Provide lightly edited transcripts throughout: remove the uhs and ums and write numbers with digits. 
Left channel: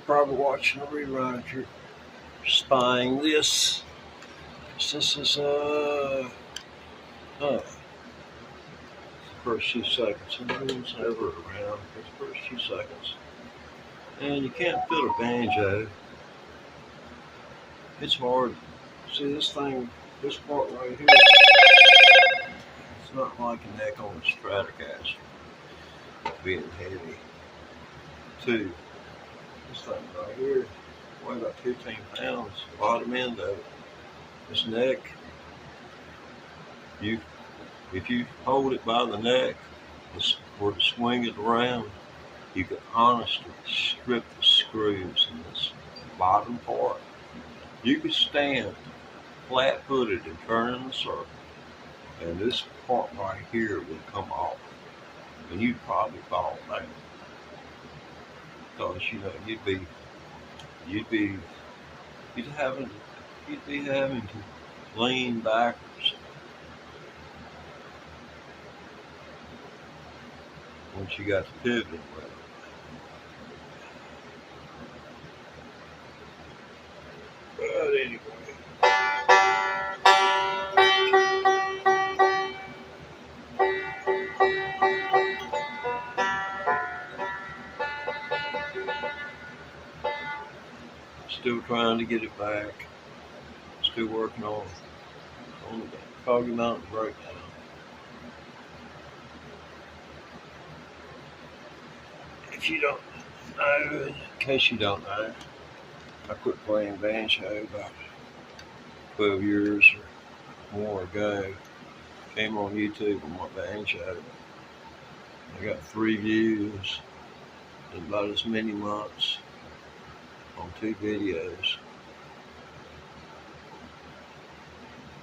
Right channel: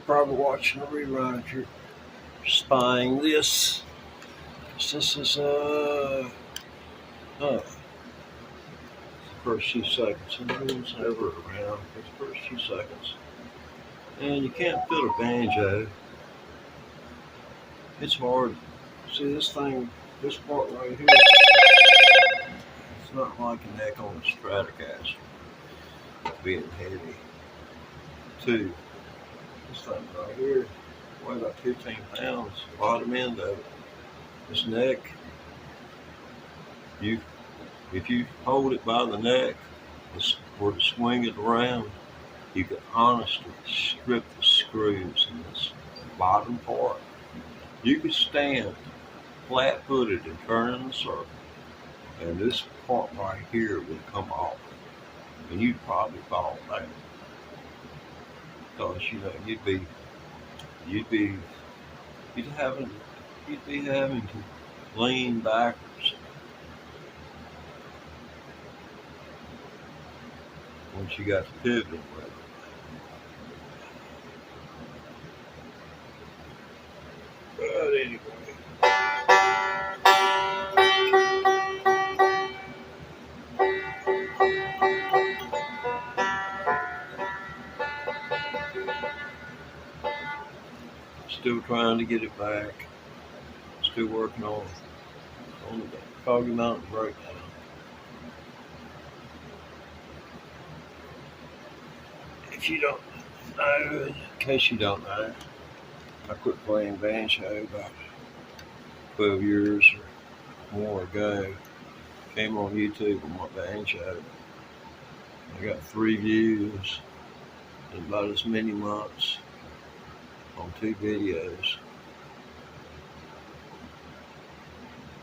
You're probably watching a rerun if you're spying this. This is first few seconds, and no one's ever around for the first few seconds. And you can't fit a banjo. It's hard. See this thing, this part right here, it's not like a neck on the Stratocaster being heavy. Two, this thing right here, weigh about 15 pounds, bottom end of it. This neck, if you hold it by the neck or to swing it around, you can honestly strip the screws in this bottom part. You could stand flat-footed and turn in a circle, and this part right here would come off, and you'd probably fall back. Because you'd be having to lean backwards once you got the pivot well. But anyway. Still trying to get it back. Still working on the Foggy Mountain breakdown. If you don't know, in case you don't know, I quit playing banjo about 12 years or more ago. Came on YouTube on my banjo. I got 3 views in about as many months on 2 videos.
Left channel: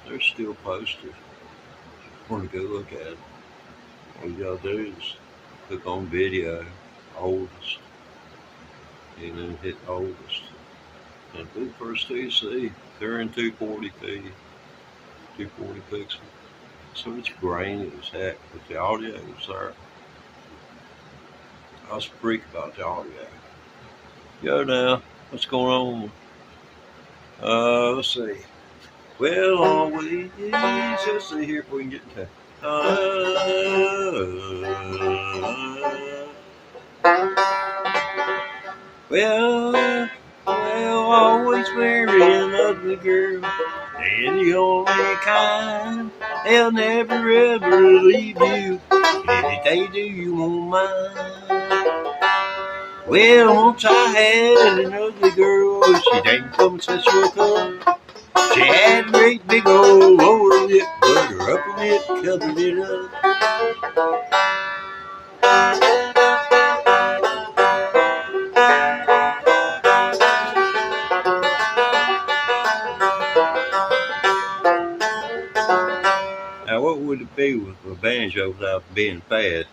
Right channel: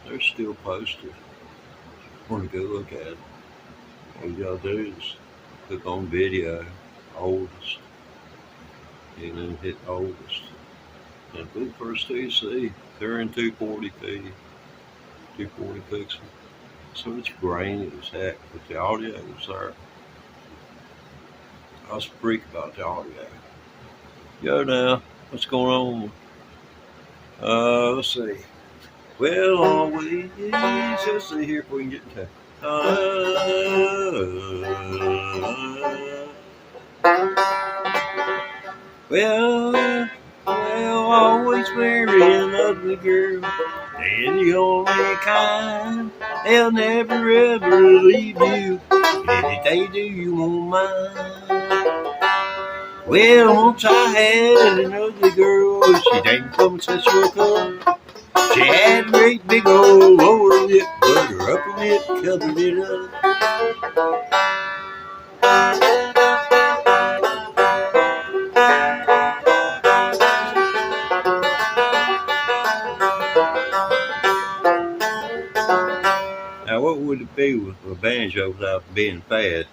They're still posted. Want to go look at it? All you gotta do is click on video, oldest, hit oldest. And for the first 2 you see, they're in 240p, 240 pixels. So it's grainy as heck, but the audio is there. I was a freak about the audio. Yo now, what's going on? Let's see. Well, always, let's see here if we can get into well, always marry an ugly girl. They're the only kind. They'll never ever leave you. If they do, you won't mind. Well, once I had an ugly girl. She didn't come since you were come. She had a great big old lower lip, but her upper lip covered it up. Now, what would it be with a banjo without being bad?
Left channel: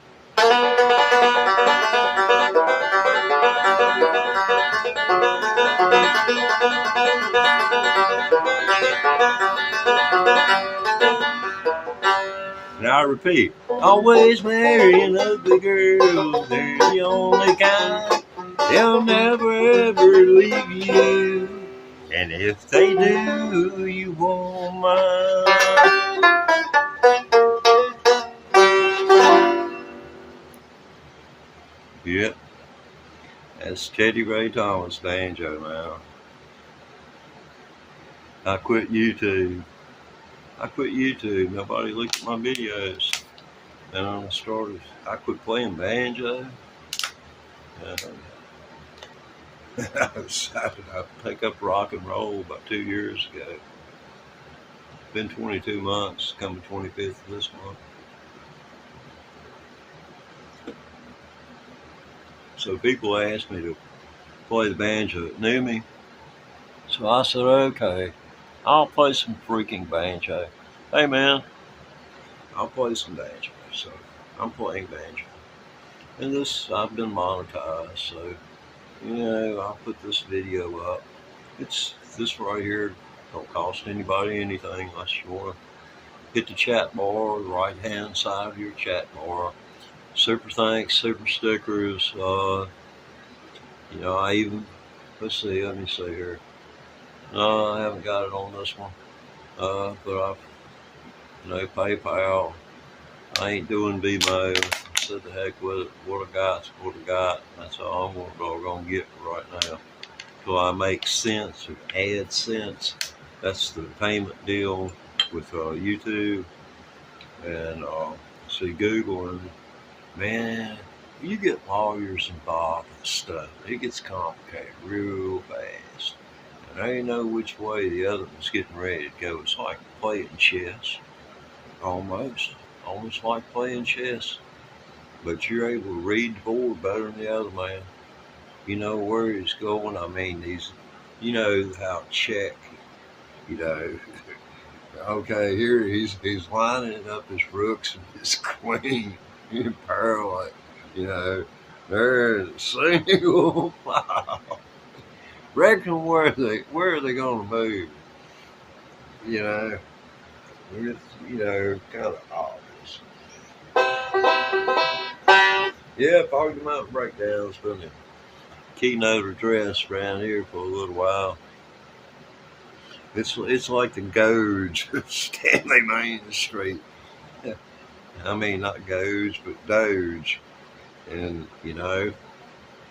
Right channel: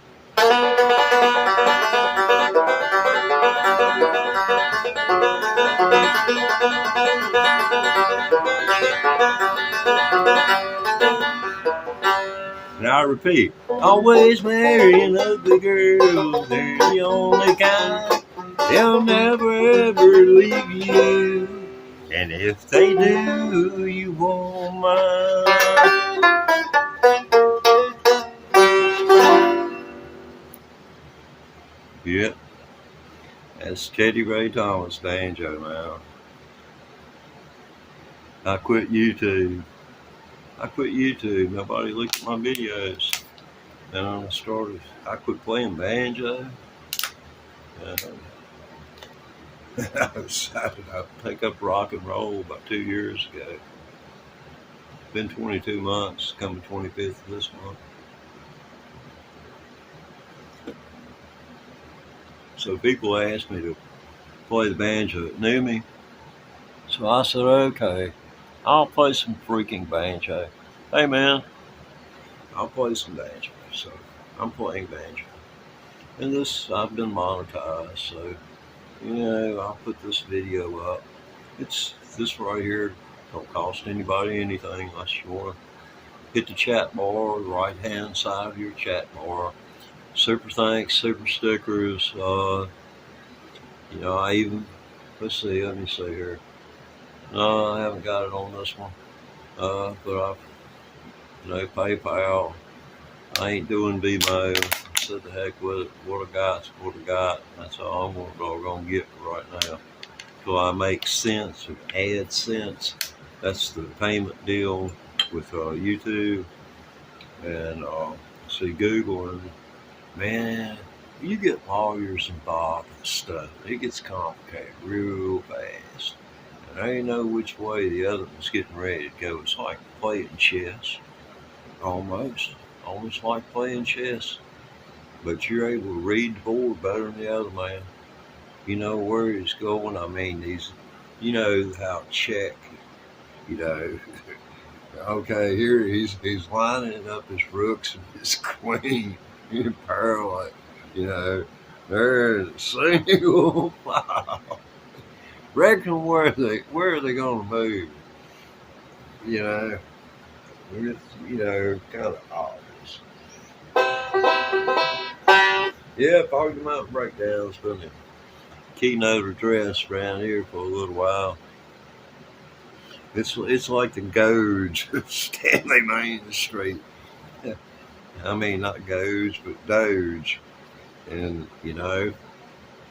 And I repeat, always marry an ugly girl. They're the only kind. They'll never ever leave you. And if they do, you won't mind. Yep, that's Teddy Ray Thomas banjo now. I quit YouTube. Nobody looked at my videos. And I quit playing banjo. I decided I'd pick up rock and roll about 2 years ago. It's been 22 months, coming 25th of this month. So people asked me to play the banjo that knew me. So I said, okay, I'll play some freaking banjo. Hey man, I'll play some banjo. So I'm playing banjo. And this, I've been monetized, so, I'll put this video up. It's this right here, don't cost anybody anything unless you want to hit the chat bar, the right hand side of your chat bar. Super thanks, super stickers. I even let's see, let me see here. No, I haven't got it on this one. But I, PayPal. I ain't doing Vimeo. I said the heck with it. What I got's what I got. That's all I'm gonna get right now. Till I make sense and add sense. That's the payment deal with YouTube and see Google. And man, you get lawyers involved and stuff. It gets complicated real fast. And I didn't know which way the other one's getting ready to go. It's like playing chess. Almost like playing chess. But you're able to read the board better than the other man. You know where he's going. I mean, you know how check, you know. Okay, here he's lining up his rooks and his queen in parallel. You know, there's a single file. Reckon where are they gonna move? You know, kind of obvious. Yeah, Foggy Mountain Breakdown's been a keynote address around here for a little while. It's like the Doge of Stanley Main Street. I mean, not Doge, but Doge. And,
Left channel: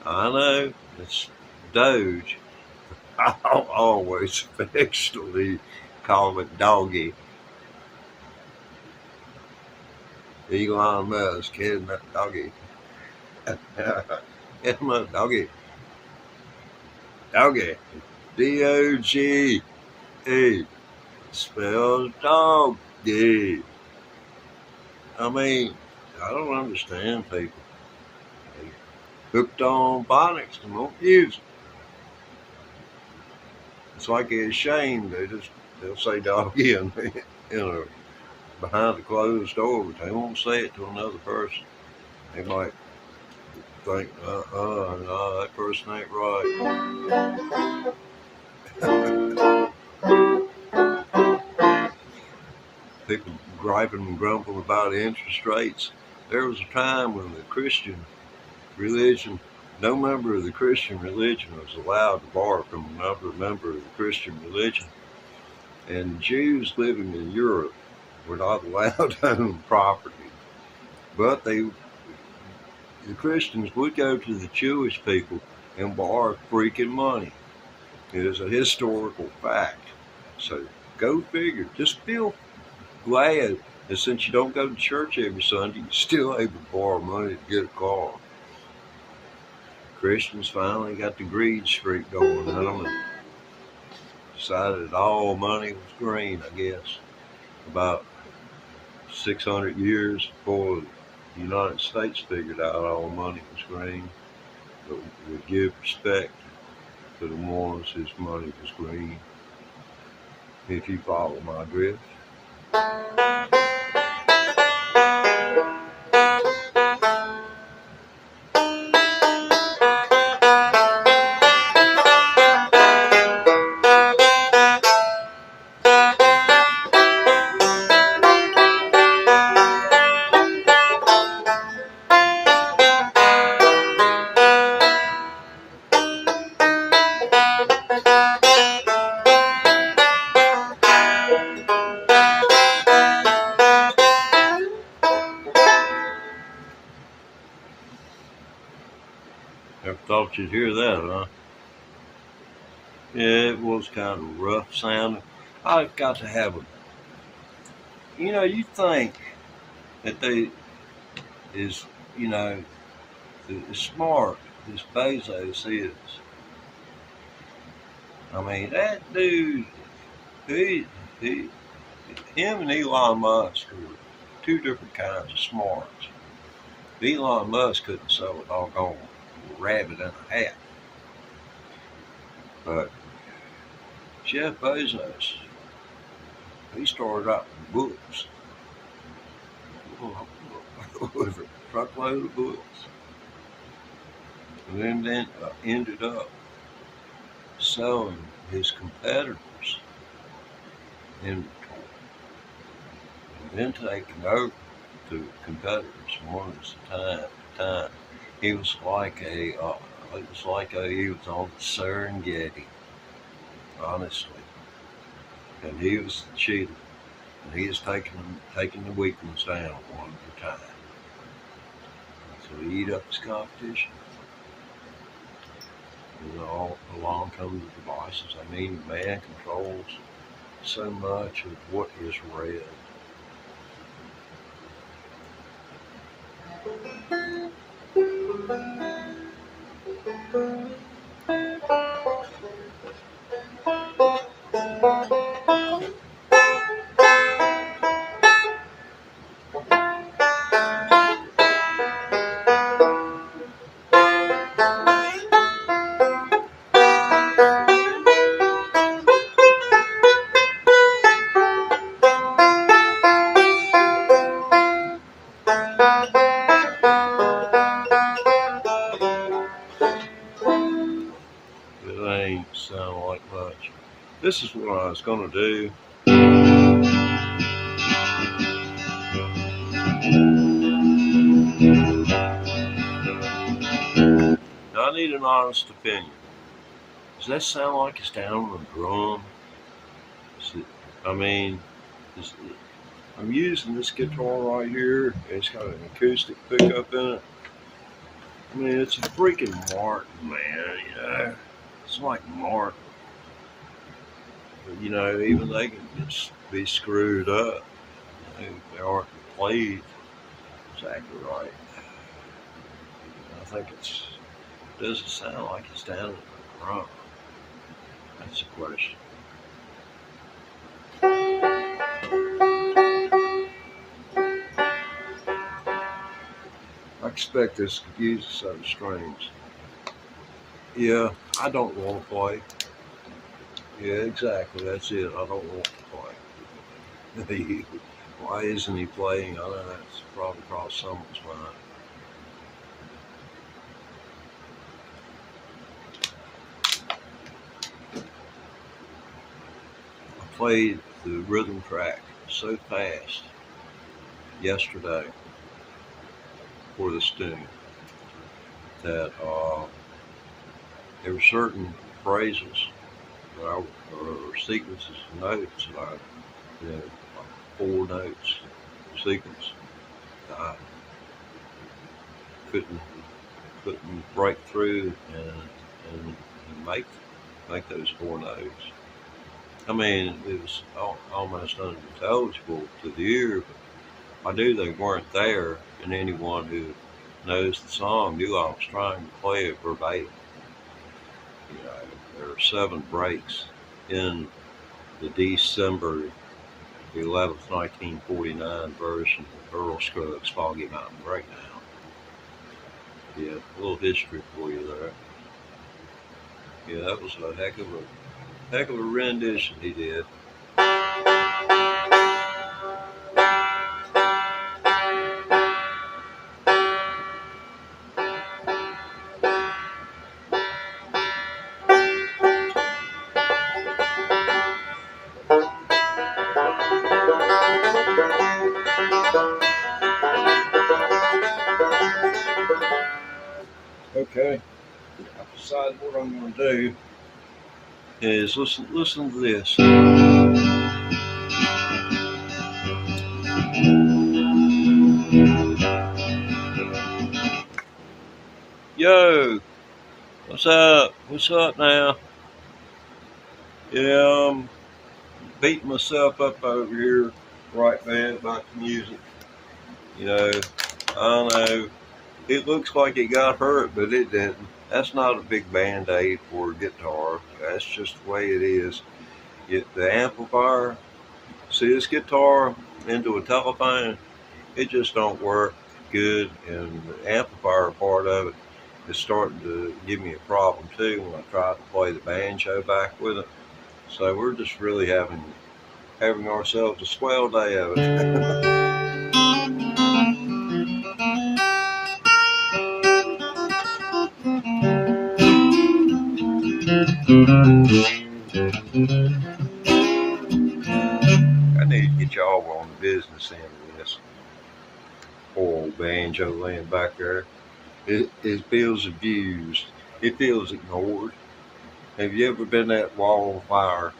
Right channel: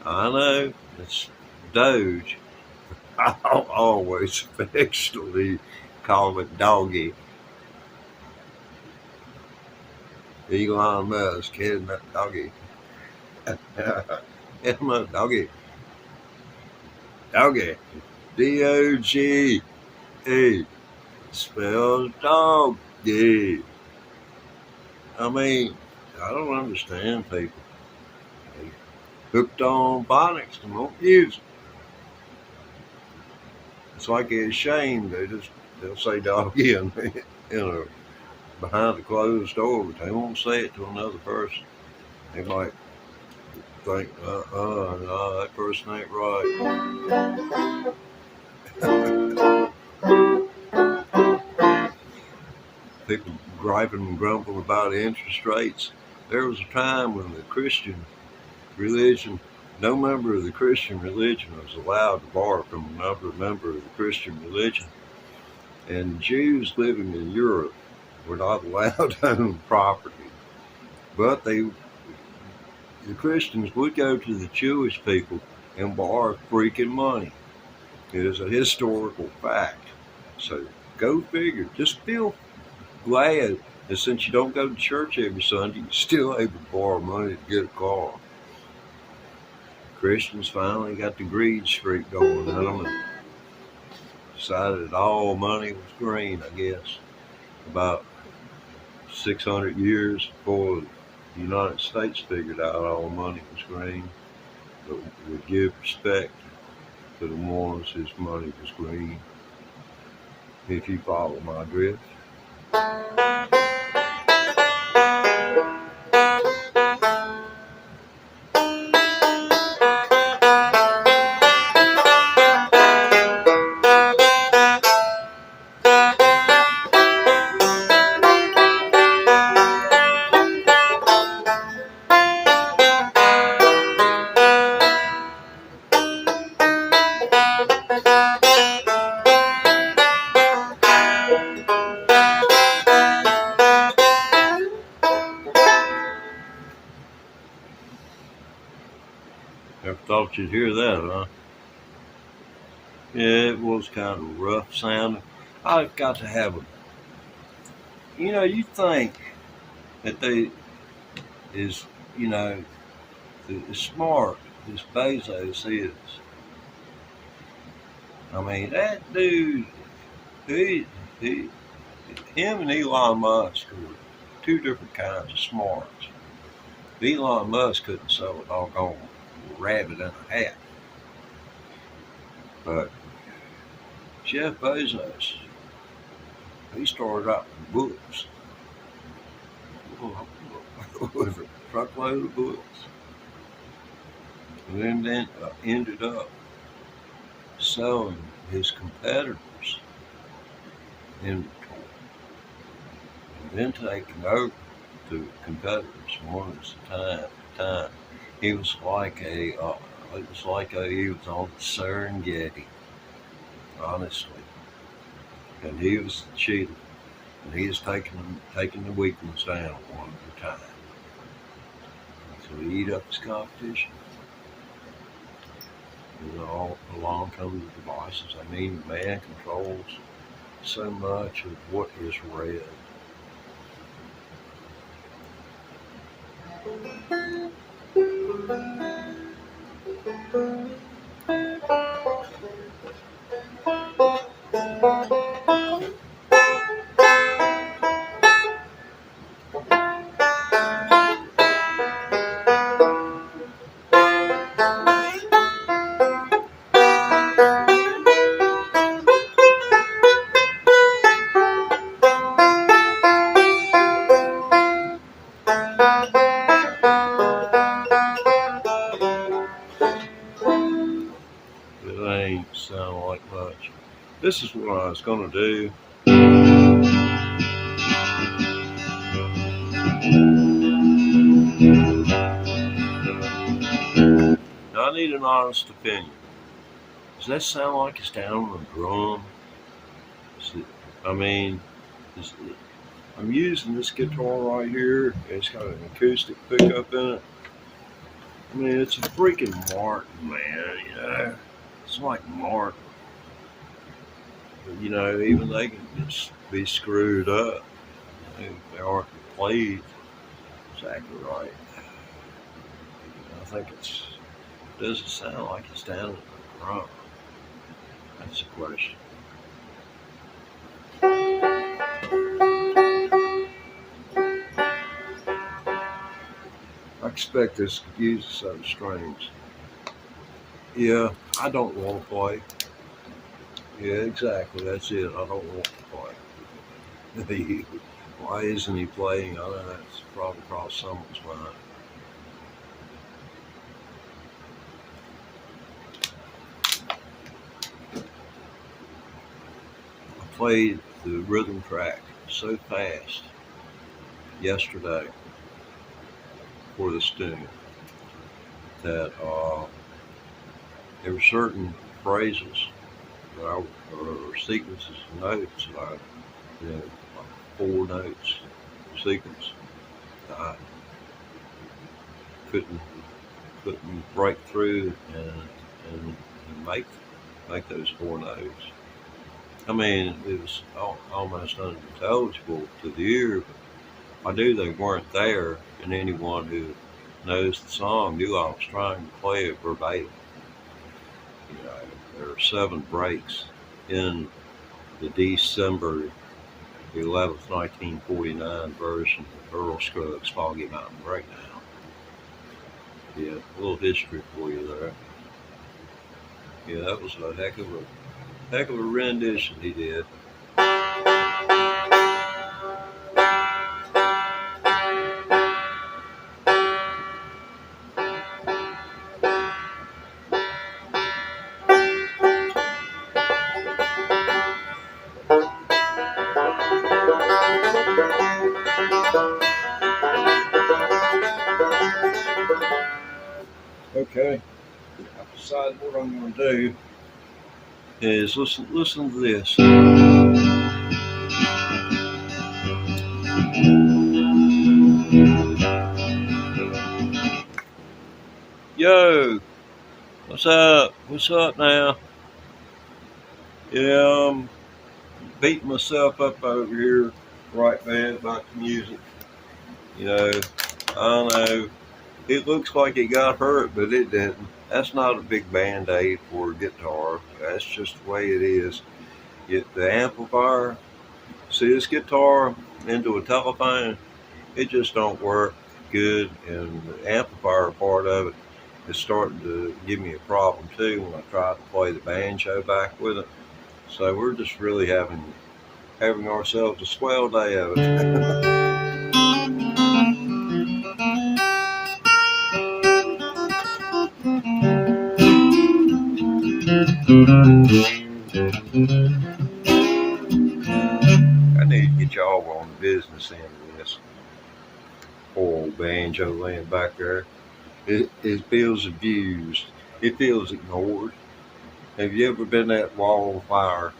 I know it's Doge. I'll always affectionately call it Doggy. Elon Musk, heading that Doggy. Doggy. Doggy. D-O-G. Hey, spells doggy. I mean, I don't understand people. They hooked on phonics and won't use it. It's like they're ashamed. They'll say doggy and behind the closed door, but they won't say it to another person. They might think, no, that person ain't right. People griping and grumbling about interest rates. There was a time when the Christian religion, no member of the Christian religion was allowed to borrow from another member of the Christian religion. And Jews living in Europe were not allowed to own property. But the Christians would go to the Jewish people and borrow freaking money. It is a historical fact. So go figure. Just feel glad that since you don't go to church every Sunday, you're still able to borrow money to get a car. Christians finally got the greed streak going on them and decided that all money was green, I guess. About 600 years before the United States figured out all money was green, but would give respect to the ones whose money was green, if you follow my drift. Never thought you'd hear that, huh? Yeah, it was kind of rough sounding. I've got to have a. You think that they is, as smart as Bezos is. I mean, that dude, him and Elon Musk are two different kinds of smarts. Elon Musk couldn't sell a doggone rabbit in a hat. But Jeff Bezos, he started out with books. With a truckload of books. And then ended up selling his competitors' inventory. And then taking over the competitors one at a time. He was like a It was like he was on Serengeti, honestly. And he was cheating. And he was taking the weak ones down one at a time. So he eat up his competition. And along come the devices. I mean, man controls so much of what is read. It ain't sound like much. This is what I was gonna do. Now I need an honest opinion. Does that sound like it's down on a drum? I mean, I'm using this guitar right here. It's got an acoustic pickup in it. I mean, it's a freaking Martin, man, you know. It's like Martin. But, you know, even they can just be screwed up. They aren't played exactly right. I think it doesn't sound like it's down at the drum. That's the question. I expect this could use a set of strings. Yeah, I don't want to play. Yeah, exactly. That's it. I don't want to play. Why isn't he playing? I don't know. It's probably across someone's mind. I played the rhythm track so fast yesterday for this tune that there were certain phrases or sequences of notes, like 4 notes sequence, I couldn't break through and make those 4 notes. I mean, it was almost unintelligible to the ear, but I knew they weren't there, and anyone who knows the song knew I was trying to play it verbatim. You know, there are 7 breaks in the December the 11th, 1949 version of Earl Scruggs' Foggy Mountain Breakdown. Yeah, a little history for you there. Yeah, that was a heck of a rendition he did. Okay, I've decided what I'm going to do is listen to this. Yo, what's up? What's up now? Yeah, I'm beating myself up over here right now about the music. You know, I don't know. It looks like it got hurt, but it didn't. That's not a big band-aid for a guitar. That's just the way it is. The amplifier, see this guitar into a telephone, it just don't work good, and the amplifier part of it is starting to give me a problem too when I try to play the banjo back with it. So we're just really having ourselves a swell day of it. I need to get y'all on the business end of this. Poor old banjo laying back there. His feels abused. It feels ignored. Have you ever been that wall of fire?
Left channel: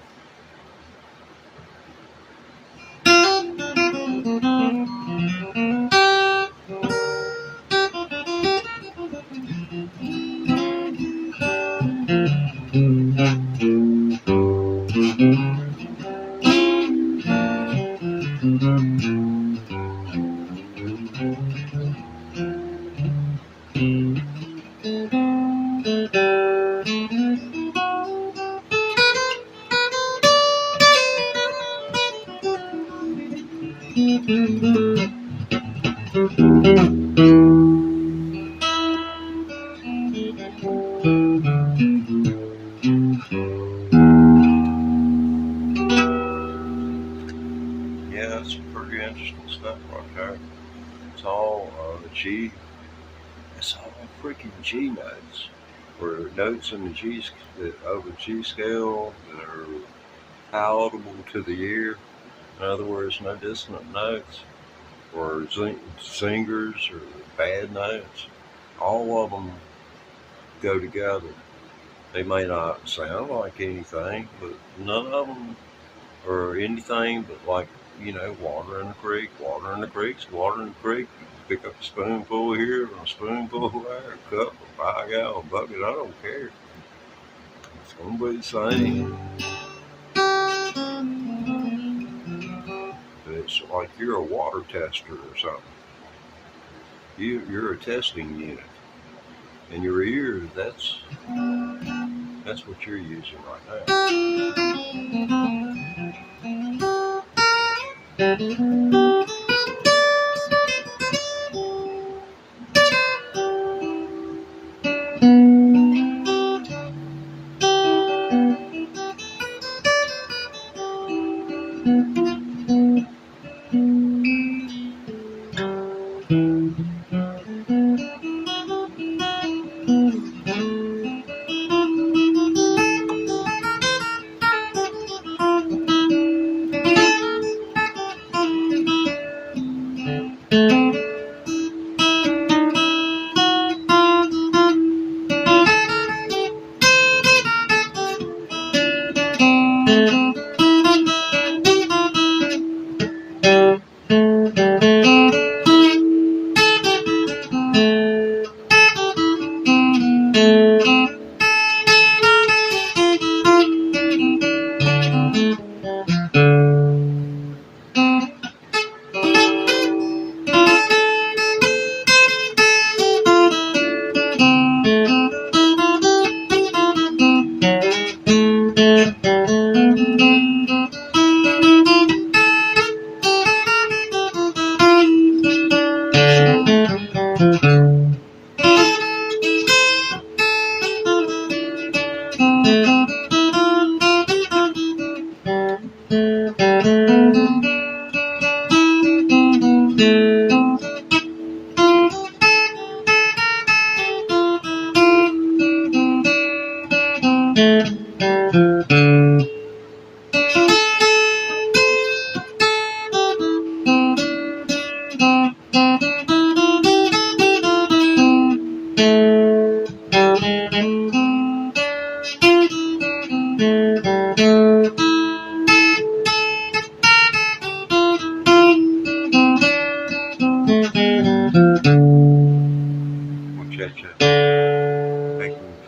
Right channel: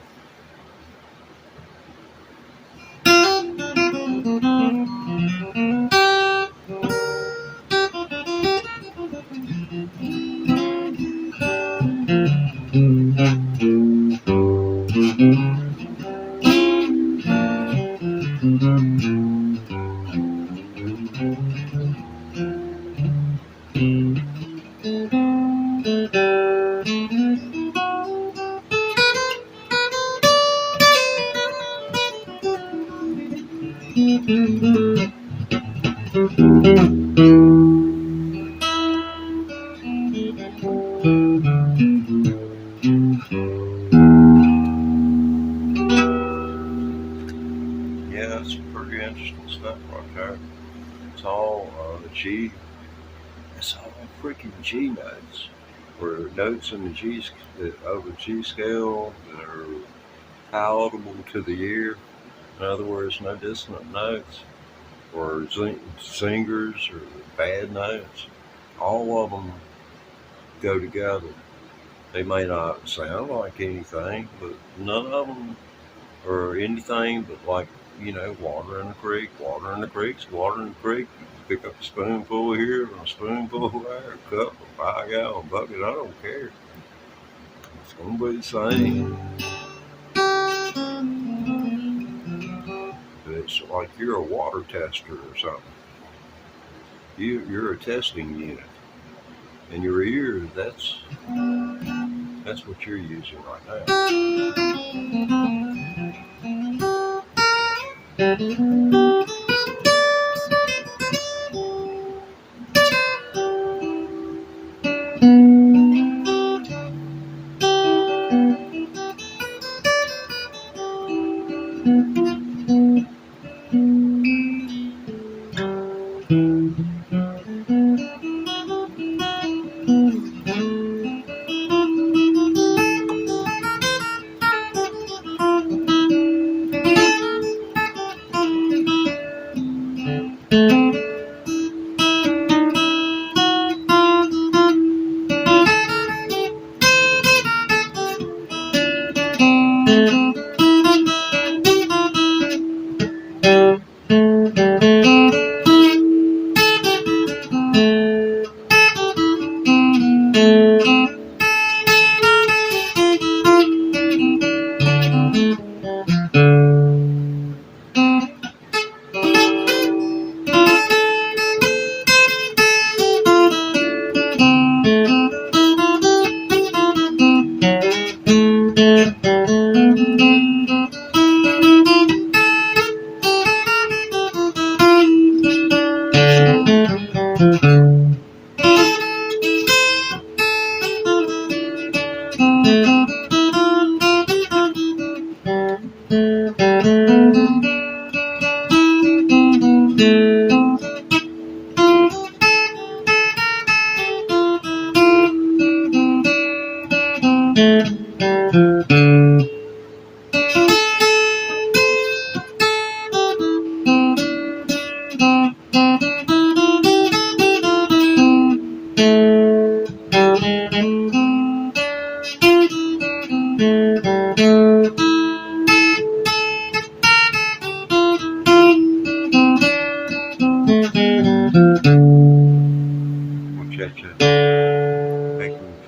Yeah, that's some pretty interesting stuff right there. It's all G. It's all freaking G notes, or notes in the over G scale that are palatable to the ear. In other words, no dissonant notes or singers or bad notes. All of them go together. They may not sound like anything, but none of them are anything but like, water in the creek. Water in the creek's water in the creek. You pick up a spoonful here, a spoonful there, a cup, a 5-gallon bucket. I don't care. It's gonna be the same. It's like you're a water tester or something. You're a testing unit, and your ear, that's what you're using right now.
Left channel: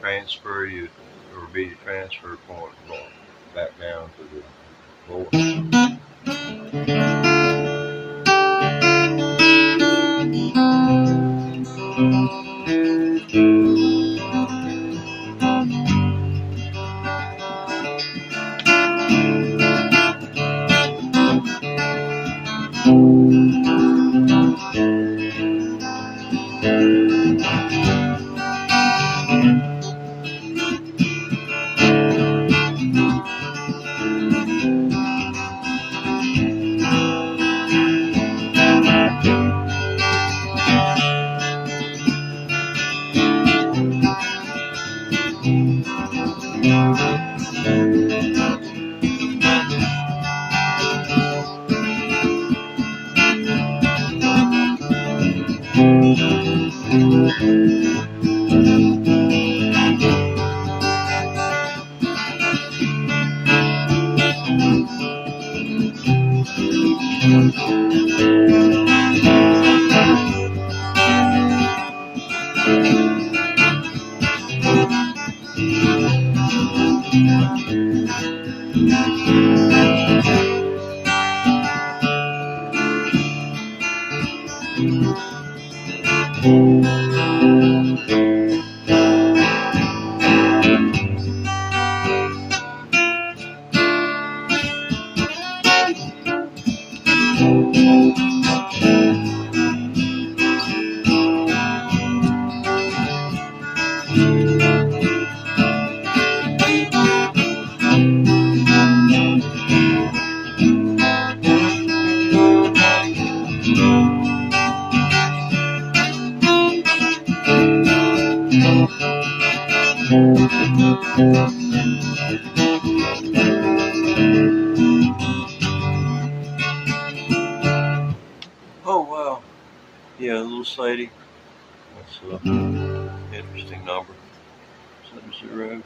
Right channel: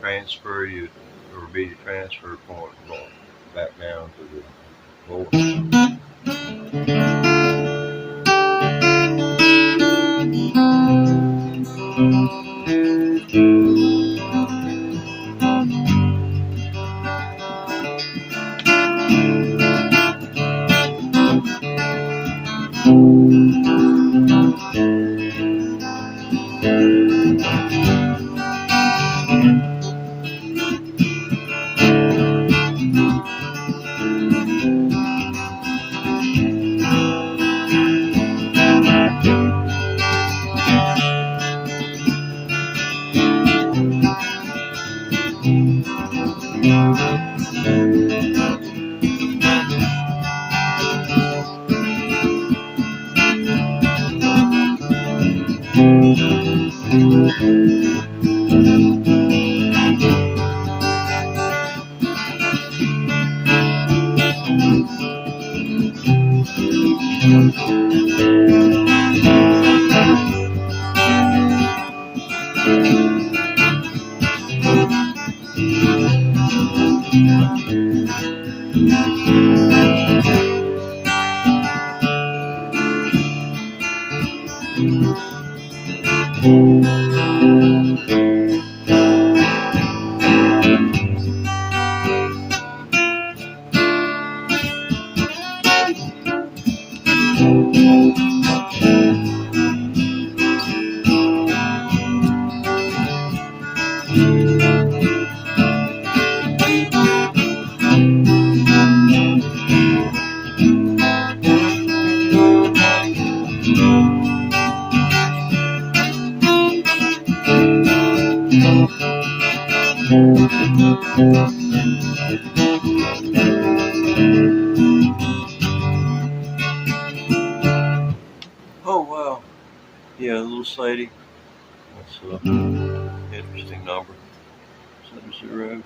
Transfer you, or be the transfer point back down to the floor. Oh wow, yeah, little Sadie. That's an interesting number. 70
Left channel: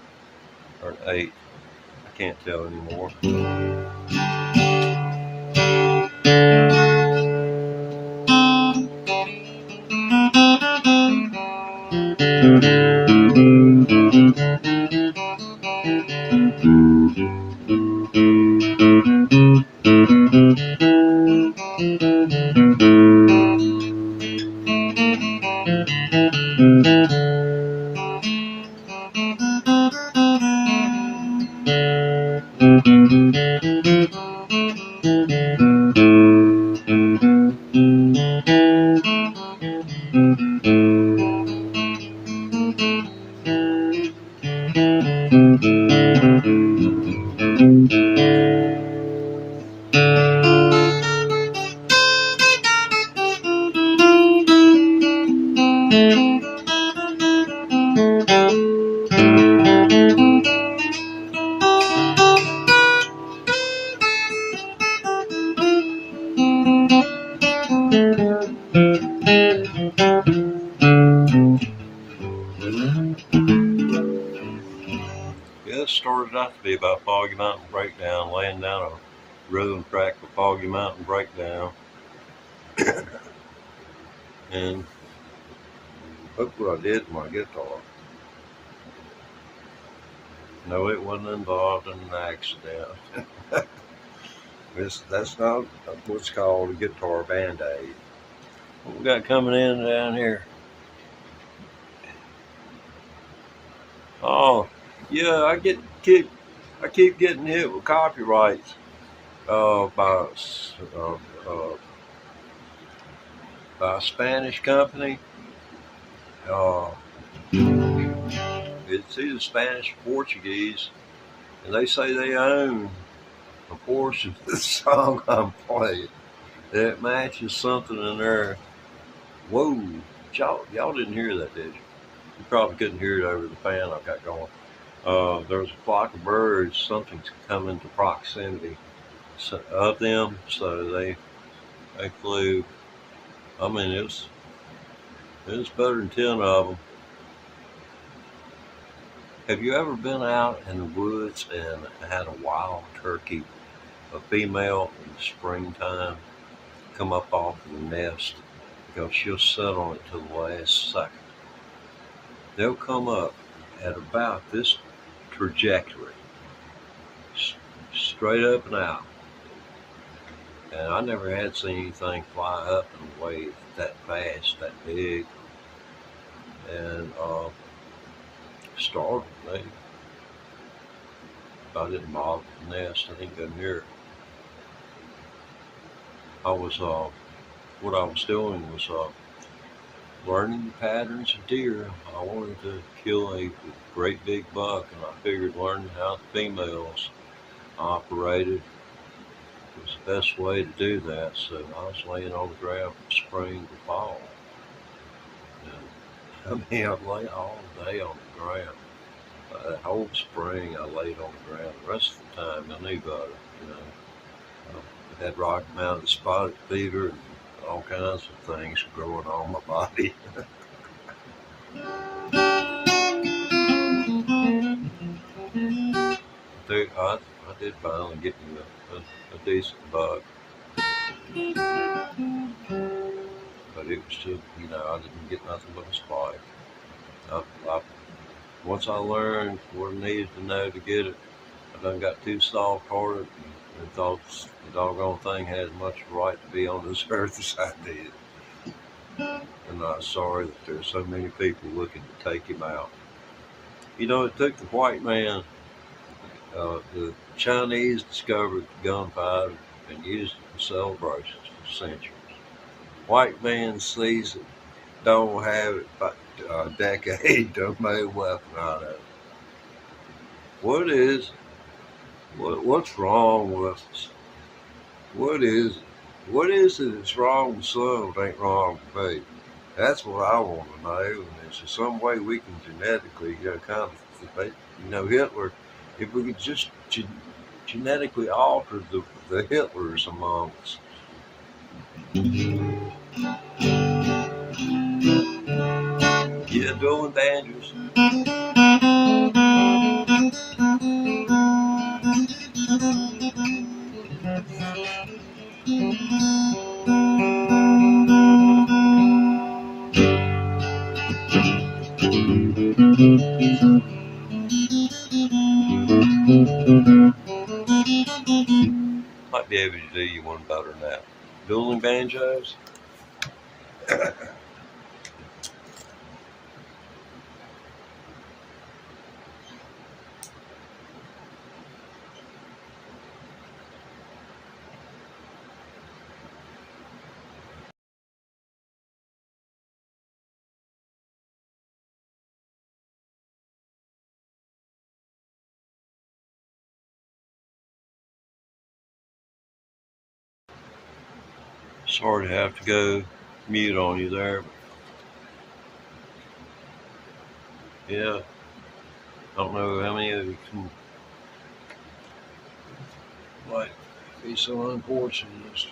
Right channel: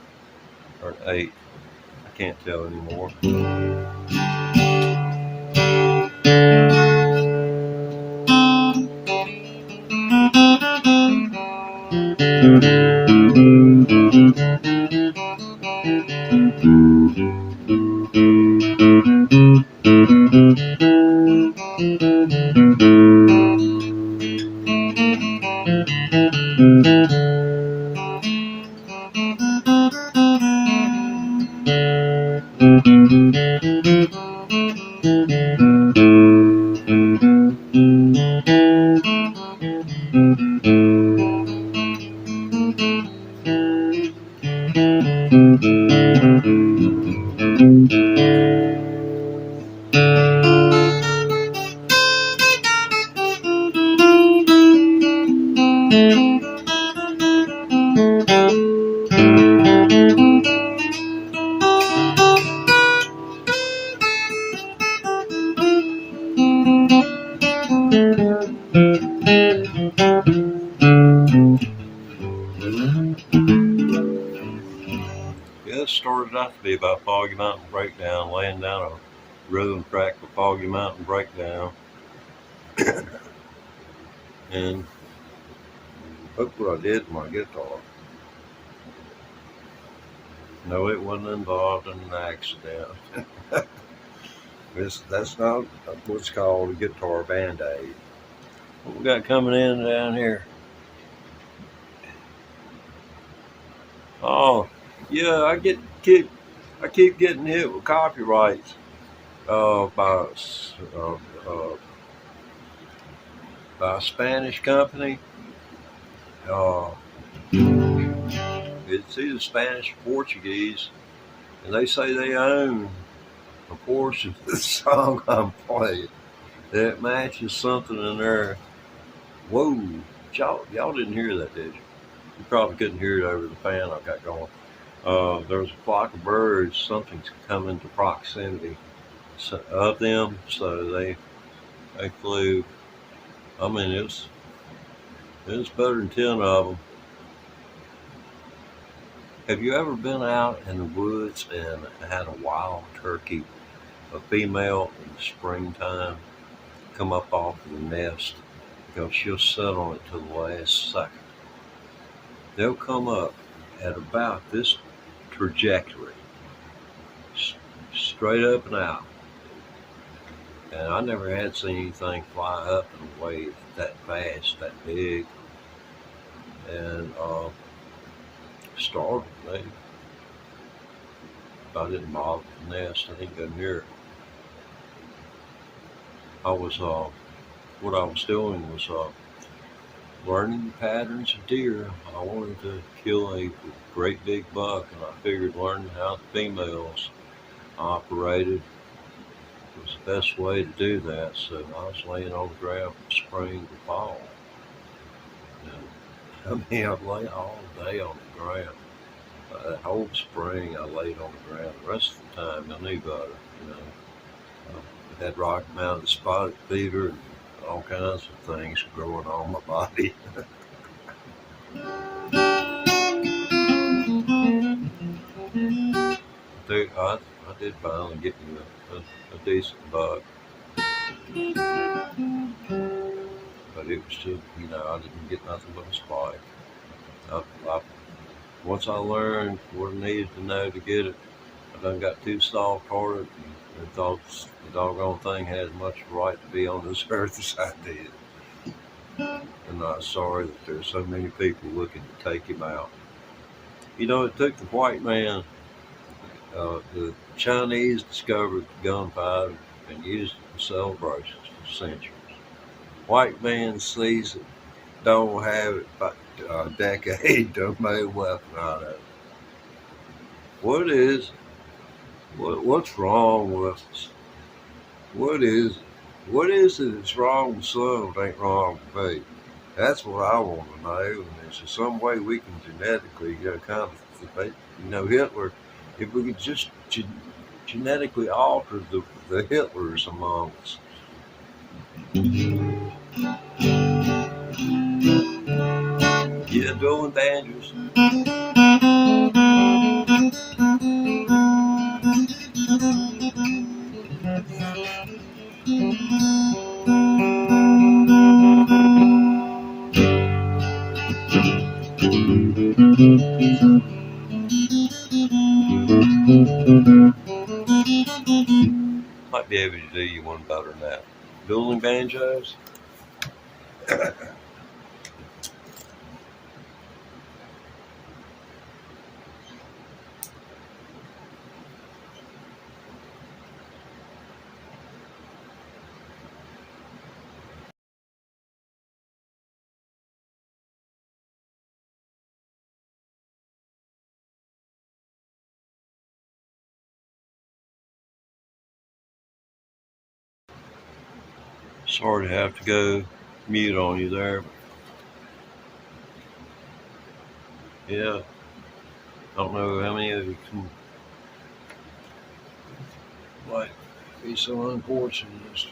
or 8. I can't tell anymore. Yeah, it started out to be about Foggy Mountain Breakdown, laying down a rhythm track for Foggy Mountain Breakdown. And look what I did with my guitar. No, it wasn't involved in an accident. That's not what's called a guitar band-aid. What we got coming in down here? Oh, yeah, I keep getting hit with copyrights by uh, uh, by a Spanish company. Uh, it's either Spanish or Portuguese, and they say they own a portion of the song I'm playing. It matches something in there. Whoa, y'all didn't hear that, did you? You probably couldn't hear it over the fan I've got going. There was a flock of birds. Something's come into proximity of them, so they flew. I mean, it was better than 10 of them. Have you ever been out in the woods and had a wild turkey, a female in the springtime, come up off of the nest? Because she'll sit on it till the last second. They'll come up at about this trajectory, straight up and out. And I never had seen anything fly up and wave that fast, that big, and startled me. I didn't bother the nest. I didn't go near it. What I was doing was learning the patterns of deer. I wanted to kill a great big buck, and I figured learning how the females operated was the best way to do that. So I was laying on the ground from spring to fall. And, I mean, I lay all day on the ground. That whole spring I laid on the ground. The rest of the time I knew better, you know. I had Rocky Mountain spotted fever and all kinds of things growing on my body. I did finally get me a decent bug. But it was just, I didn't get nothing but a spike. Once I learned what I needed to know to get it, I done got too soft for it and thought the doggone thing had as much right to be on this earth as I did. I'm not sorry that there's so many people looking to take him out. It took the white man, the Chinese discovered gunpowder and used it for celebrations for centuries. White man sees it, don't have it, but a decade to make a weapon out of it. What's wrong with us? What is it? What is it that's wrong with some that ain't wrong with me? That's what I want to know. And is there some way we can genetically kind of Hitler, if we could just genetically alter the Hitlers among us. Yeah, dueling banjos. Might be able to do you one better than that. Dueling banjos. Sorry to have to go mute on you there, but yeah, I don't know how many of you can like be so unfortunate as to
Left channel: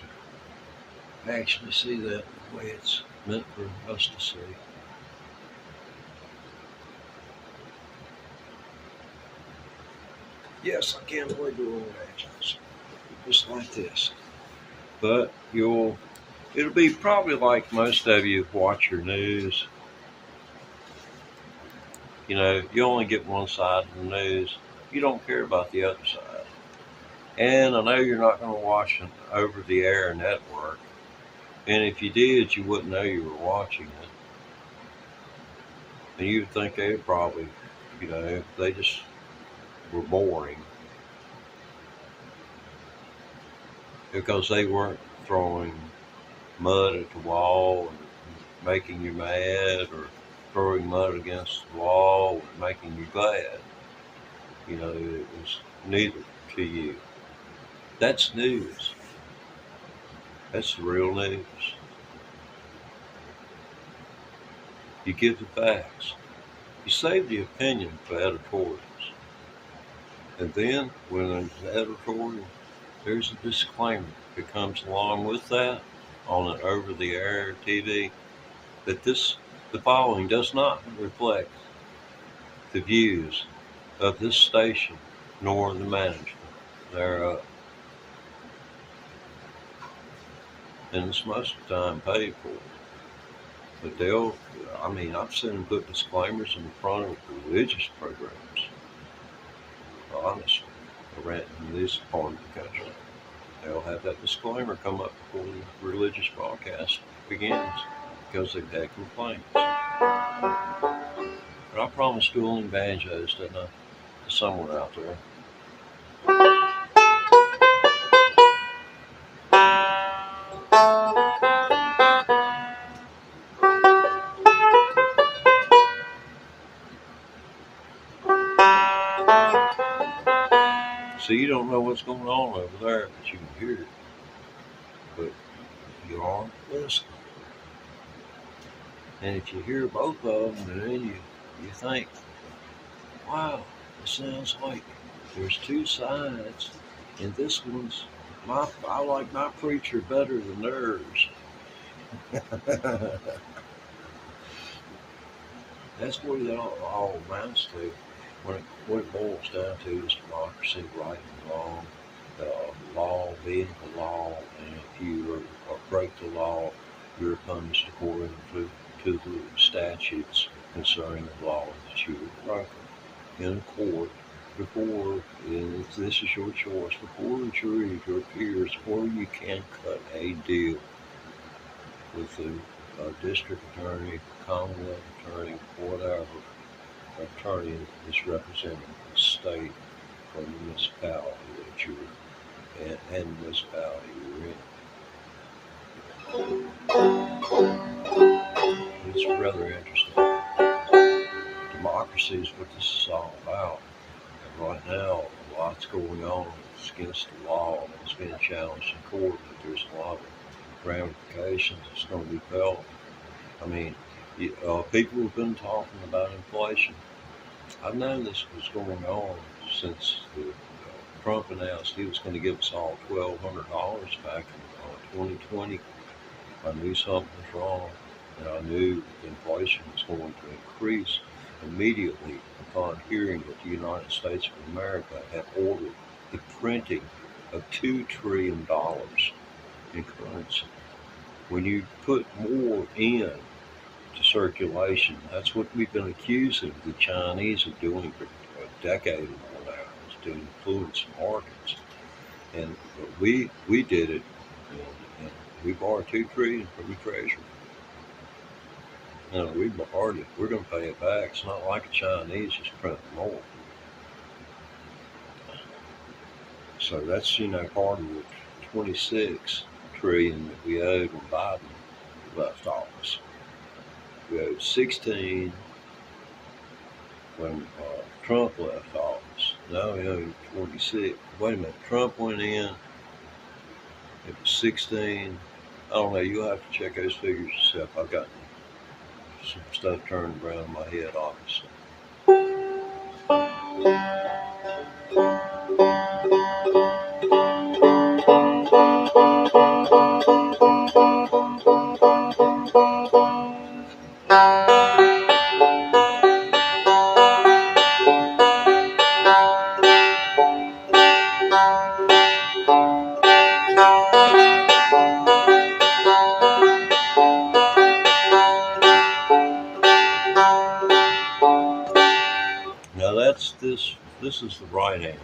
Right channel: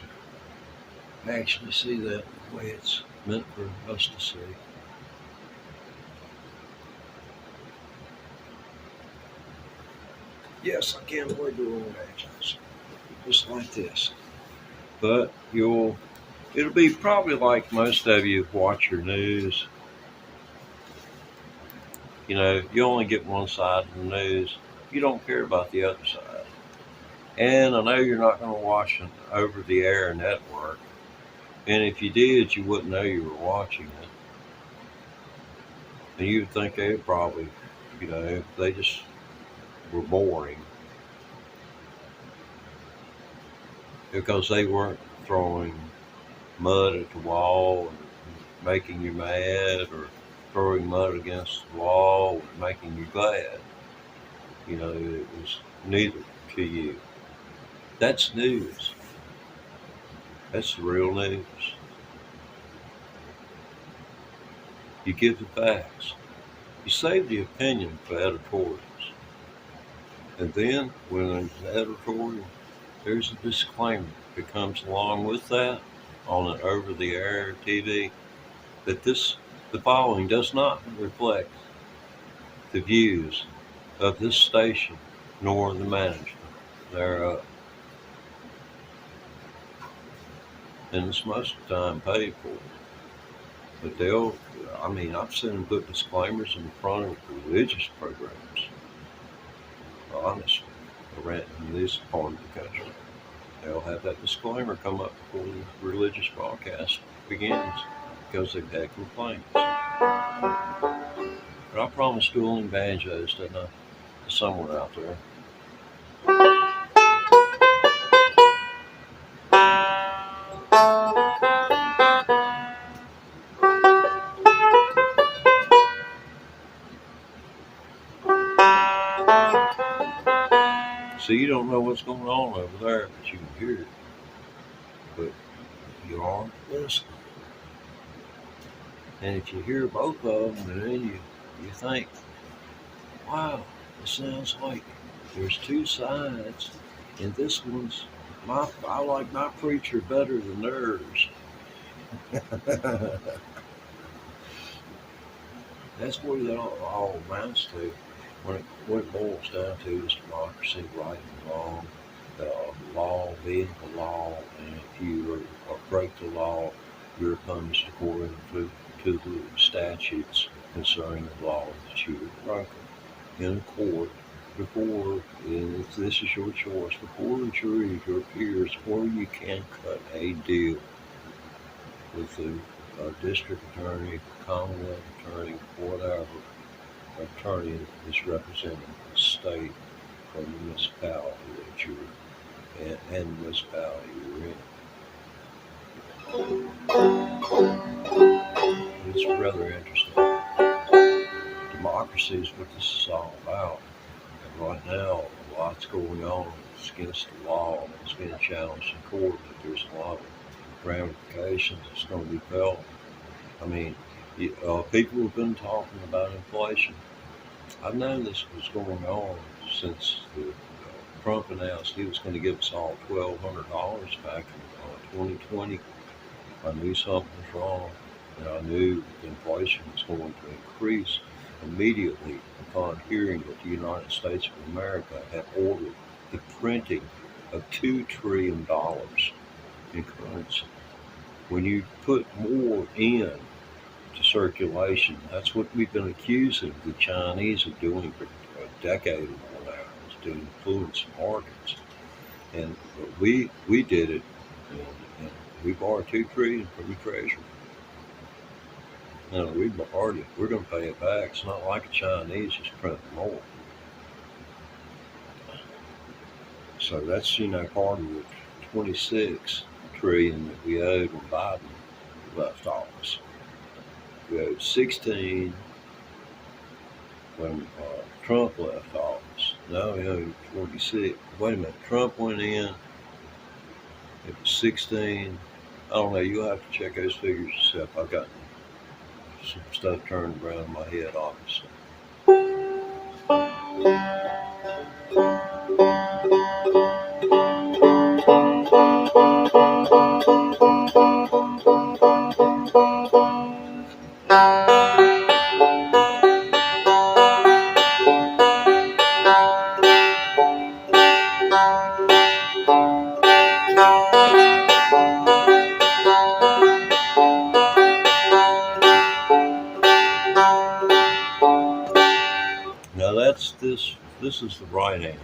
actually see that the way it's meant for us to see. Yes, I can avoid dueling banjos, just like this. But it'll be probably like most of you watch your news. You only get one side of the news. You don't care about the other side. And I know you're not going to watch an over-the-air network. And if you did, you wouldn't know you were watching it. And you'd think they probably, they just were boring. Because they weren't throwing mud at the wall and making you mad, or throwing mud against the wall and making you glad. It was neither to you. That's news. That's the real news. You give the facts. You save the opinion for editorials. And then, when there's an editorial, there's a disclaimer that comes along with that on an over-the-air TV that the following does not reflect the views of this station nor the management thereof. And it's most of the time paid for. But I've seen them put disclaimers in front of religious programs. Honestly, around in this part of the country, they'll have that disclaimer come up before the religious broadcast begins because they've had complaints. But I promise dueling banjos, didn't I? To someone out there. So you don't know what's going on over there, but you can hear it. But you aren't listening. And if you hear both of them, then you think, wow, it sounds like there's two sides, and this one's I like my preacher better than theirs. That's what it all amounts to. What it boils down to is democracy, right and wrong, law being the law, and if you break the law, you're punished according to the statutes concerning the law that you have broken. In court, and if this is your choice, before the jury, your peers, or you can cut a deal with the district attorney, commonwealth attorney, whatever attorney is representing the state or municipality that you're in, and municipality you're in. It's rather interesting. Democracy is what this is all about. And right now, a lot's going on. It's against the law. It's being challenged in court, but there's a lot of ramifications that's going to be felt. People have been talking about inflation I've known this was going on since Trump announced he was going to give us all $1,200 back in 2020. I knew something was wrong, and I knew inflation was going to increase immediately upon hearing that the United States of America had ordered the printing of $2 trillion in currency. When you put more in to circulation, that's what we've been accusing the Chinese of doing for a decade or more now, is to influence markets. And we did it, and we borrowed $2 trillion from the Treasury. We borrowed it. We're going to pay it back. It's not like the Chinese just print more. So that's, part of the 26 trillion that we owed when Biden left office. We owed 16 when Trump left office. Now we owe 26. Wait a minute, Trump went in, it was 16. I don't know, you'll have to check those figures yourself. I've got some stuff turning around in my head, obviously. Now this is the right hand.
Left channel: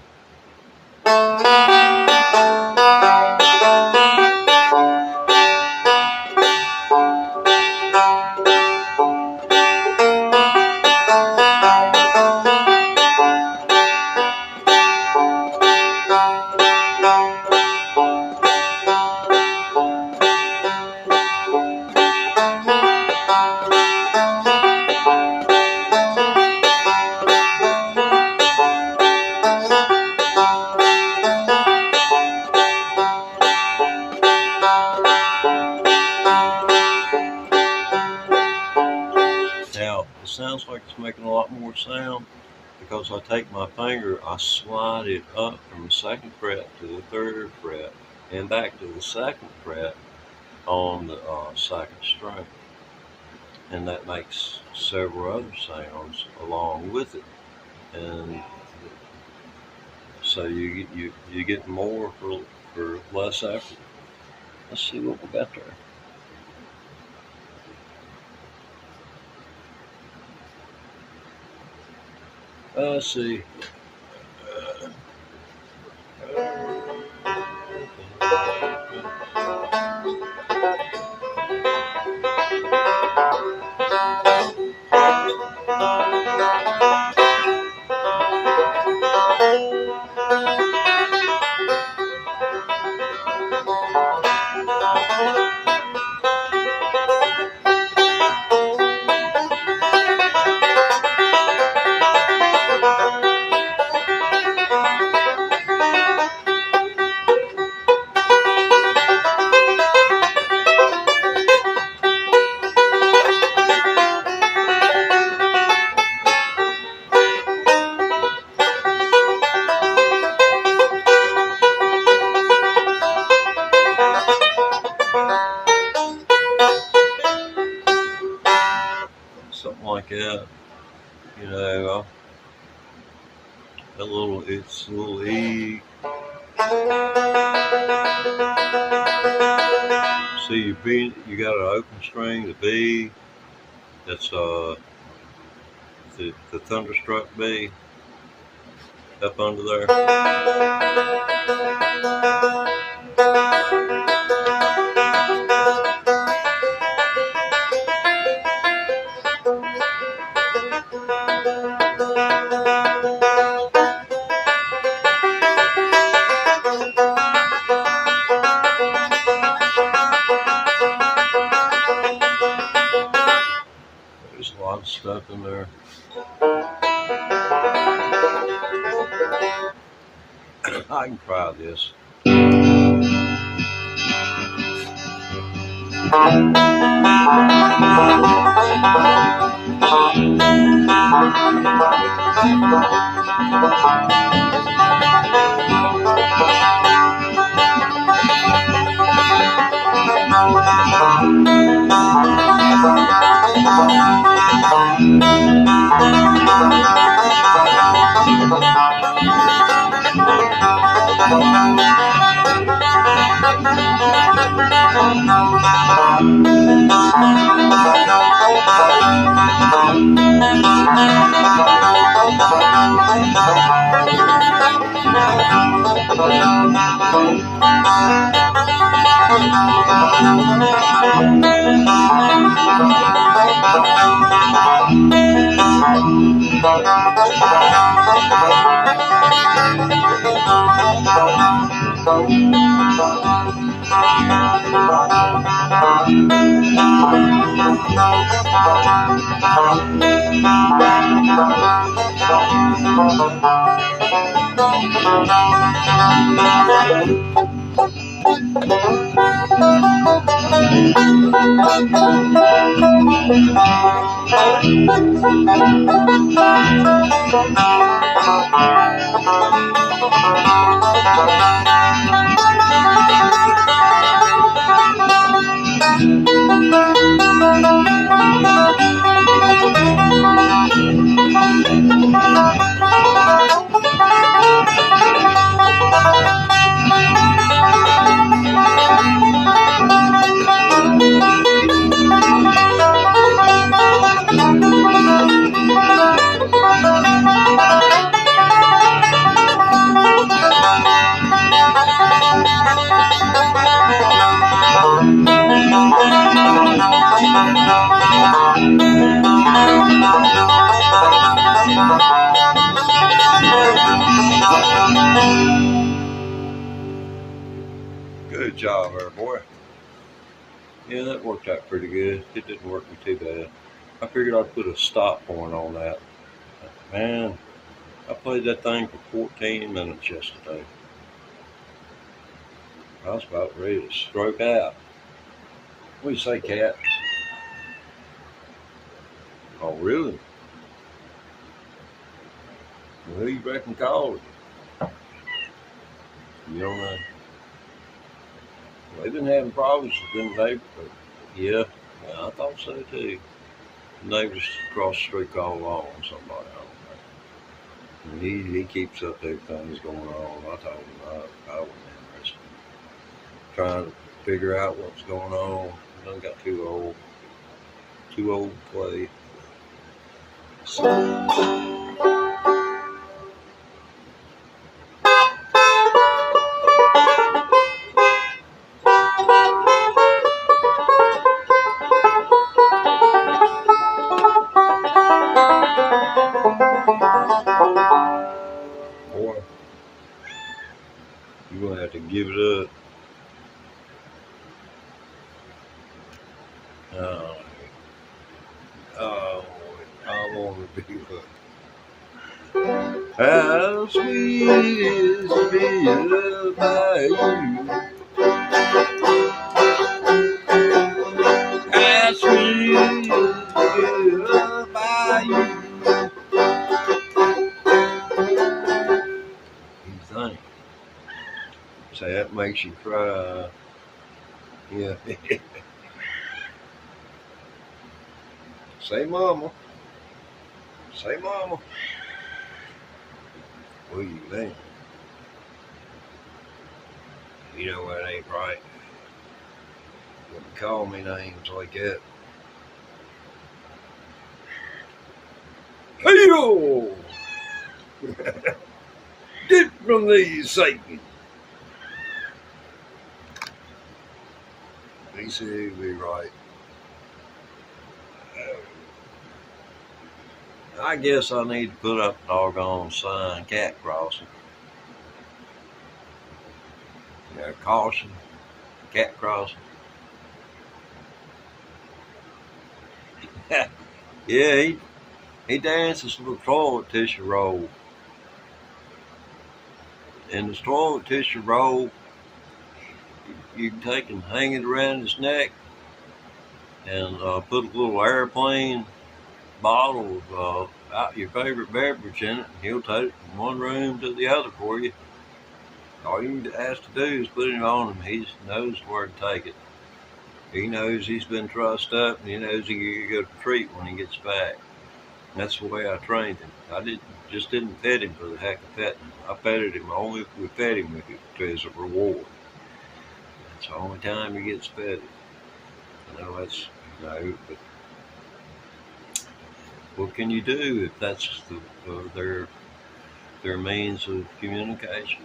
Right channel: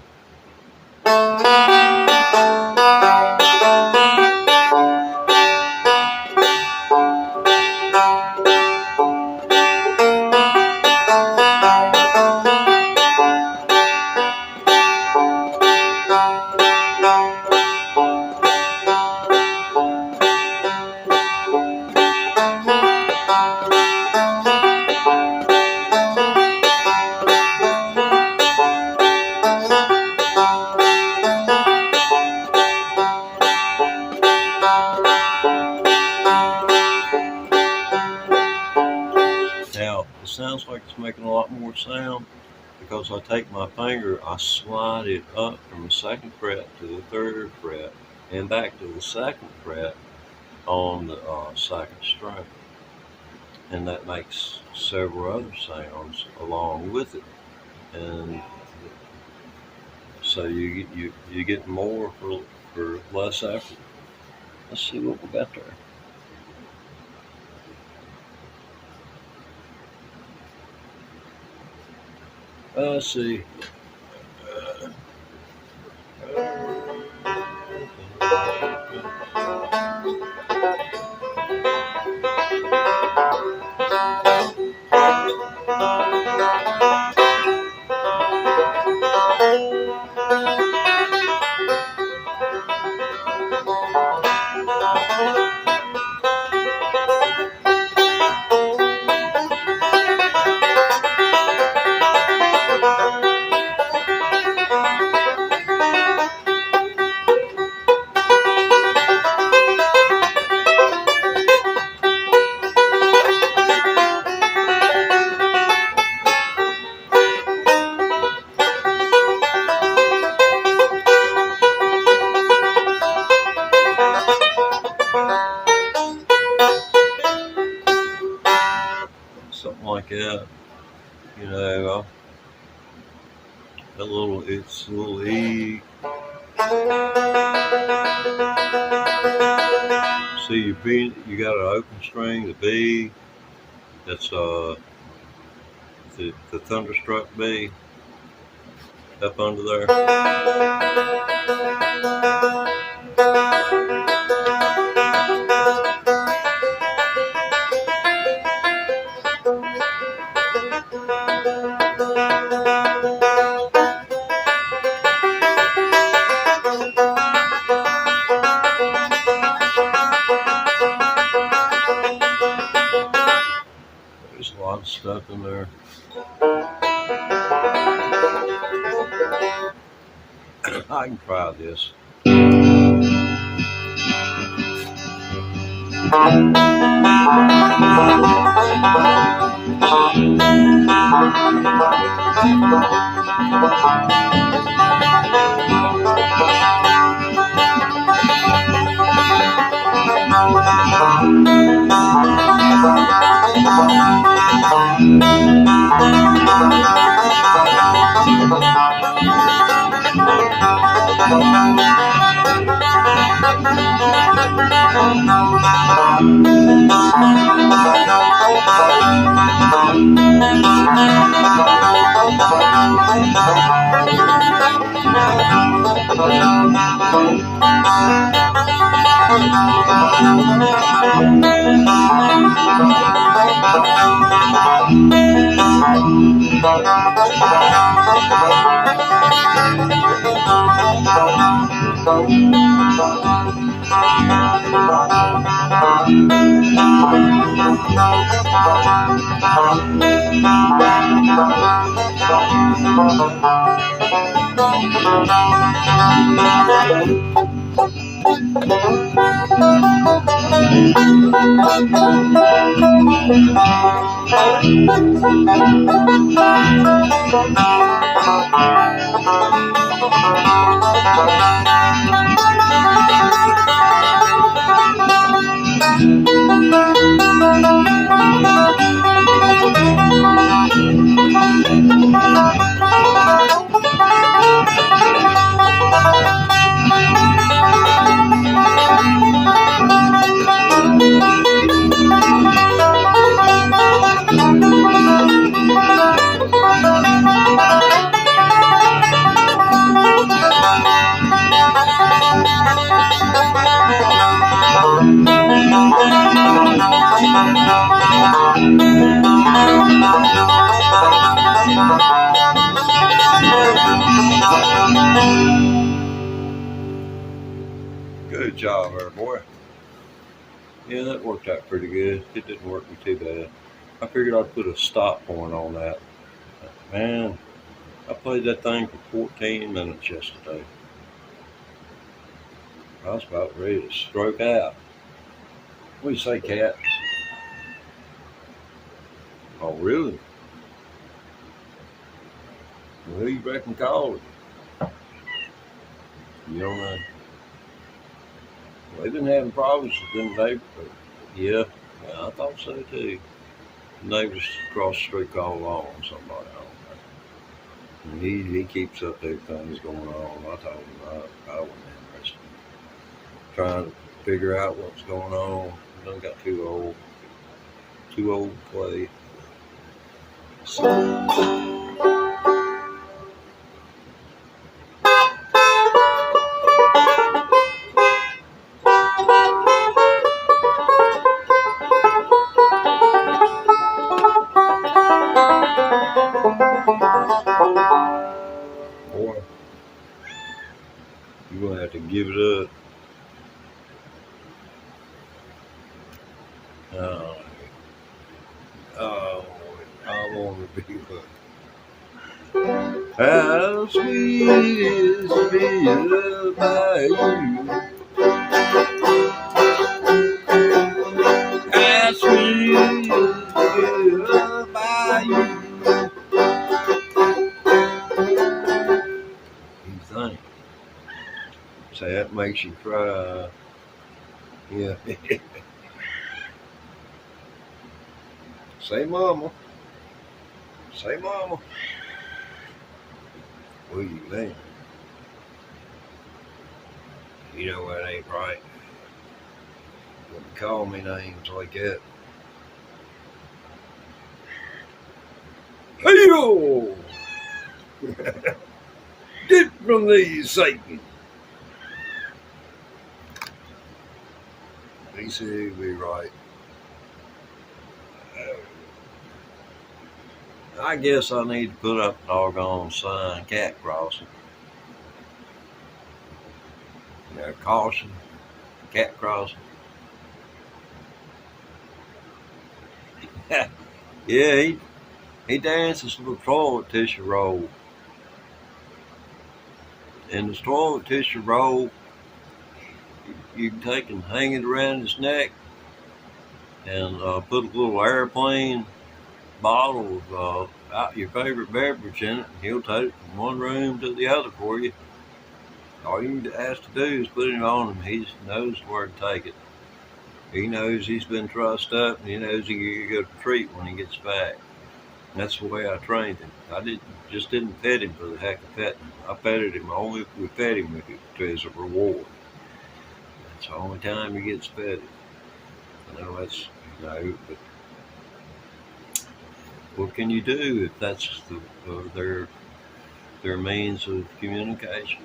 Now, it sounds like it's making a lot more sound because I take my finger, I slide it up from the second fret to the third fret and back to the second fret on the second string. And that makes several other sounds along with it. And so you get more for less effort. Let's see what we got there. Let's see. Something like that, it's a little E. See, your B, you got an open string, the B, that's the thunderstruck B, up under there. There's a lot of stuff in there. I can try this. Good job there, boy. Yeah, that worked out pretty good. It didn't work me too bad. I figured I'd put a stop point on that. Man, I played that thing for 14 minutes yesterday. I was about ready to stroke out. What do you say, Cat? Oh, really? Well, who you reckon called it? You don't know. Well, they've been having problems with the neighborhood. Yeah, I thought so too. The neighbors across the street called along somebody on there. And he keeps up everything that's going on. I told him I wasn't interested in trying to figure out what's going on. I done got too old to play. So, boy, you're going to have to give it up. I want to be hooked. How sweet is to be loved by you. How sweet is to be loved by you. You think? So that makes you cry. Yeah. Say mama. Say mama. What do you think? You know that ain't right. Wouldn't call me names like that. Hey-yo! Get from these Satan. He said he'd be right. I guess I need to put up a doggone sign, cat crossing. You know, caution, cat crossing. Yeah, he dances with a toilet tissue roll. And the toilet tissue roll, you can take and hang it around his neck and put a little airplane bottle of your favorite beverage in it, and he'll take it from one room to the other for you. All you have to do is put it on him. He knows where to take it. He knows he's been trussed up, and he knows he can get a treat when he gets back. And that's the way I trained him. I didn't pet him for the heck of petting him. I petted him only if we fed him as a reward. It's the only time he gets fed. I know that's, but what can you do if that's their means of communication?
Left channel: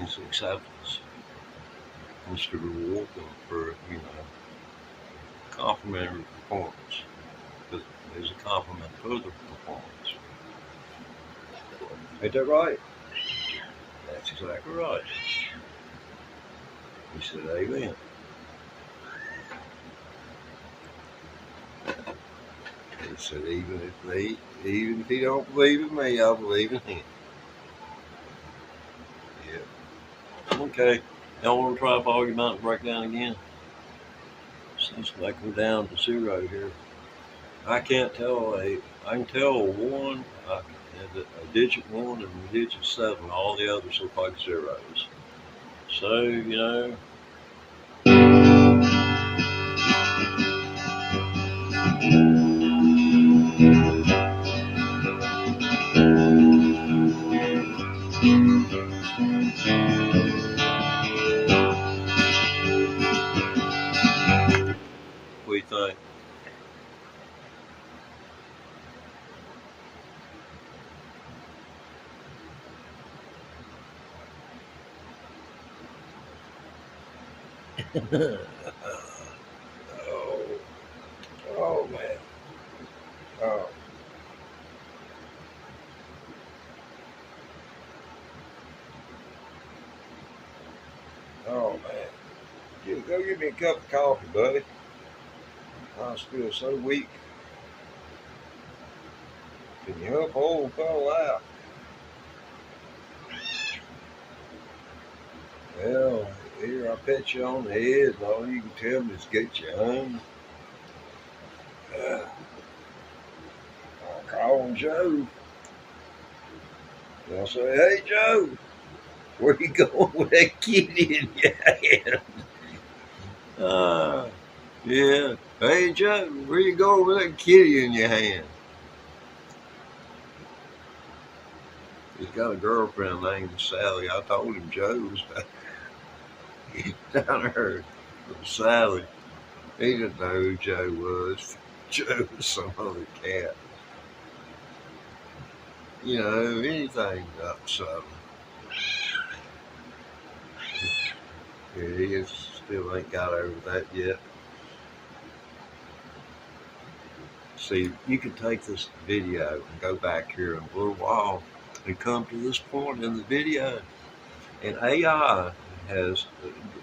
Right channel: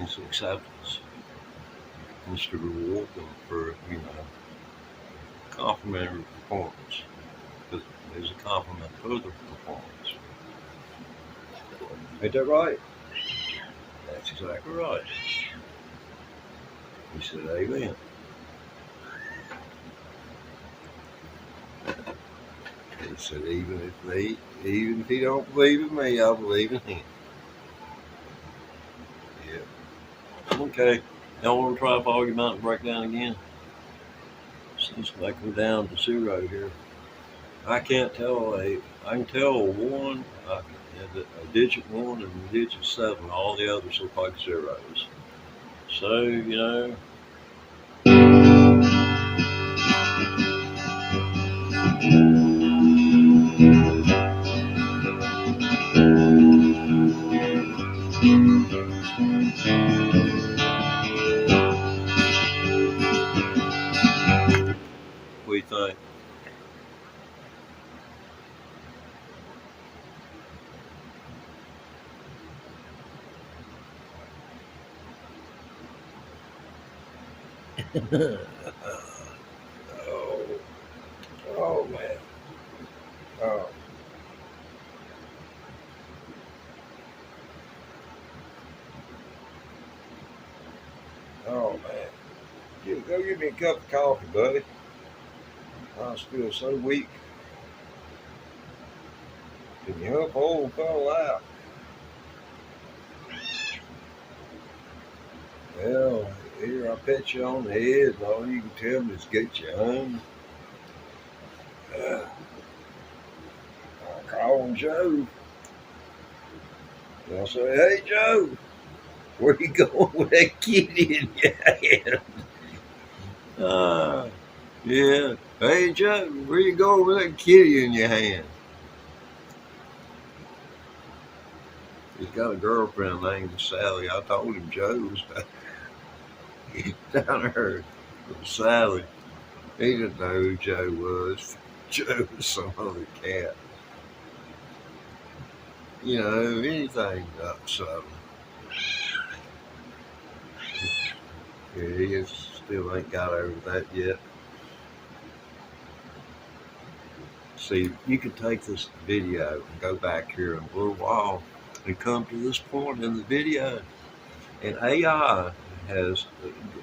It's acceptance. It's to reward them for, complimentary performance. Because there's a compliment to the performance. Ain't that right? That's exactly right. He said, amen. He said, even if he don't believe in me, I believe in him. Yeah. Okay. Y'all want to try Foggy Mountain Breakdown again? Since I go down to 0 here. I can't tell I can tell one, a digit 1 and a digit 7. All the others look like zeros. So, what do you think? Oh man. Oh. Oh man. Go give me a cup of coffee, buddy. I feel so weak. Can you help old fellow out? Well, here I pet you on the head, and all you can tell me is get you home. I'll call him Joe. And I'll say, hey Joe, where you going with that kitty in your hand? Yeah. Hey Joe, where you going with that kitty in your hand? He's got a girlfriend named Sally. I told him Joe was down there with Sally. He didn't know who Joe was. Joe was some other cat. Anything up something. Yeah, he still ain't got over that yet. See, you could take this video and go back here in a little while and come to this point in the video. And AI has,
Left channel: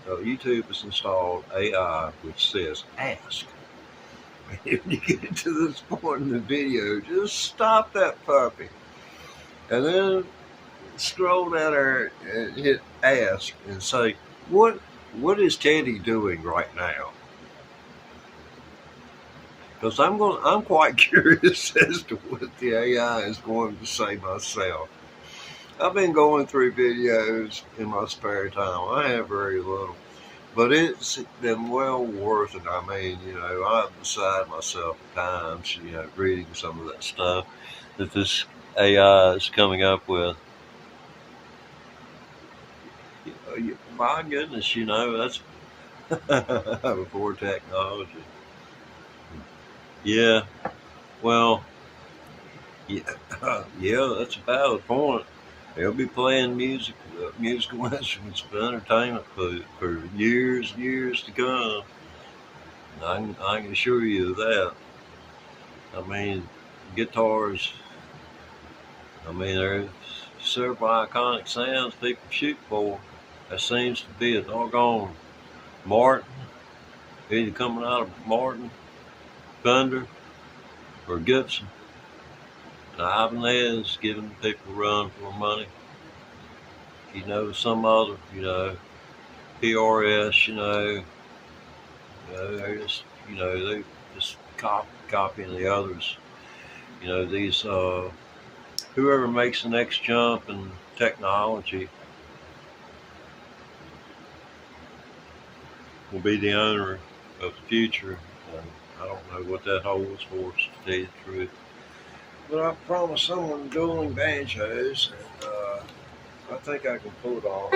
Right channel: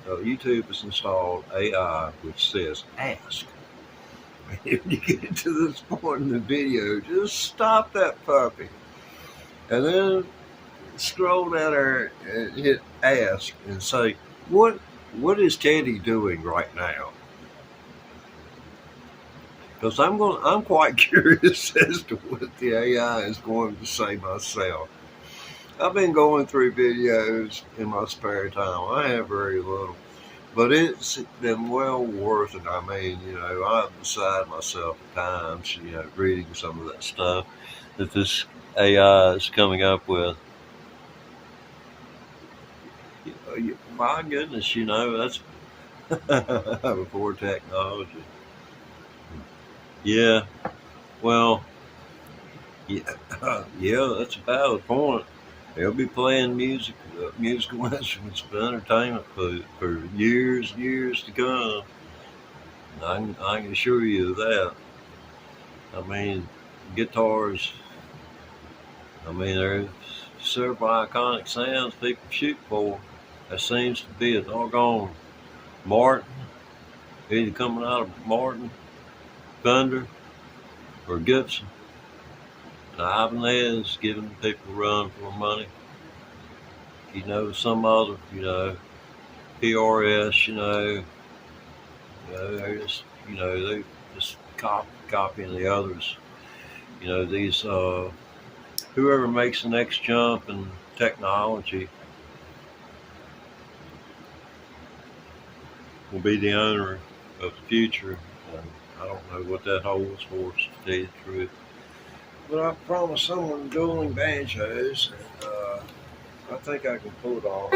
YouTube has installed AI which says ask. If you get to this point in the video, just stop that puppy. And then scroll down there and hit ask and say, what is Teddy doing right now? Because I'm quite curious as to what the AI is going to say myself. I've been going through videos in my spare time. I have very little, but it's been well worth it. I mean, I'm beside myself at times, reading some of that stuff that this AI is coming up with. My goodness, that's before technology. Yeah, well, yeah, that's a valid point. They'll be playing musical instruments for entertainment for years to come. I can assure you of that. I mean, guitars. There's several iconic sounds people shoot for. There seems to be a doggone Martin, either coming out of Martin, Thunder, or Gibson. Ibanez giving people a run for money. Some other, PRS, they're just, they just copying the others. You know, these whoever makes the next jump in technology will be the owner of the future. And I don't know what that holds for us, to tell you the truth. But I promised someone dueling banjos, and I think I can pull it off.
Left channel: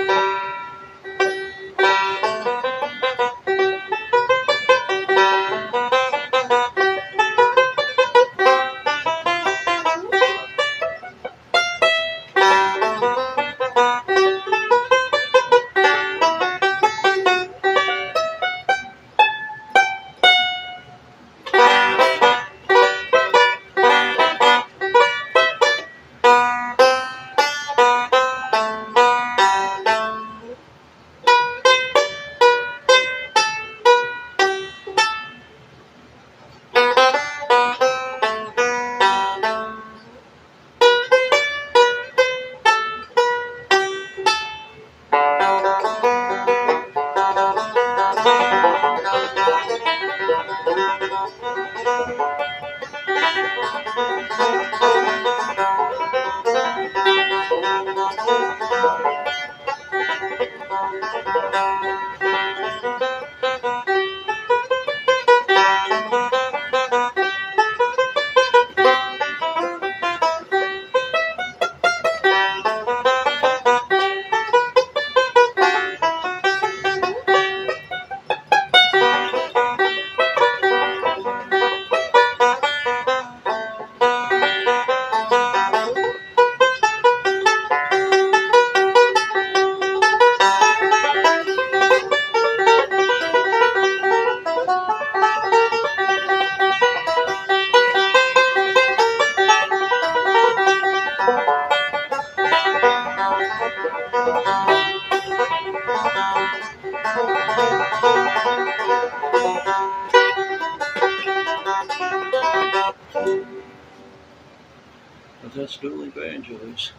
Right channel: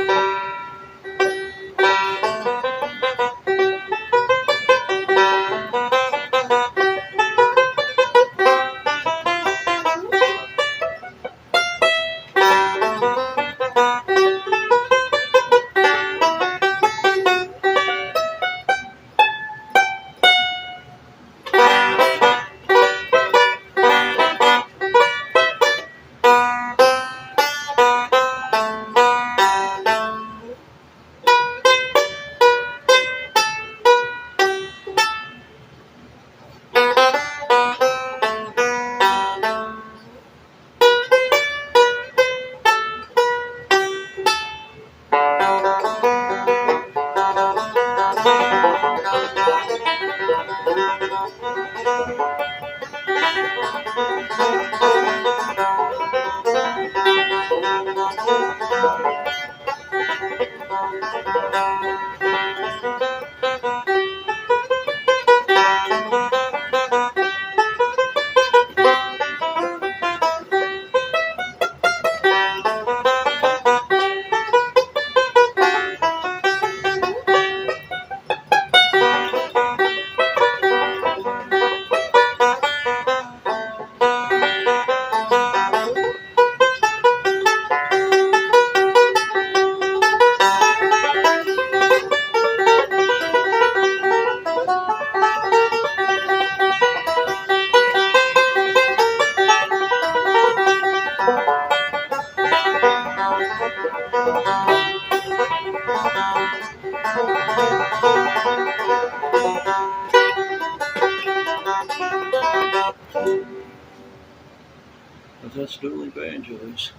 But that's dueling banjos.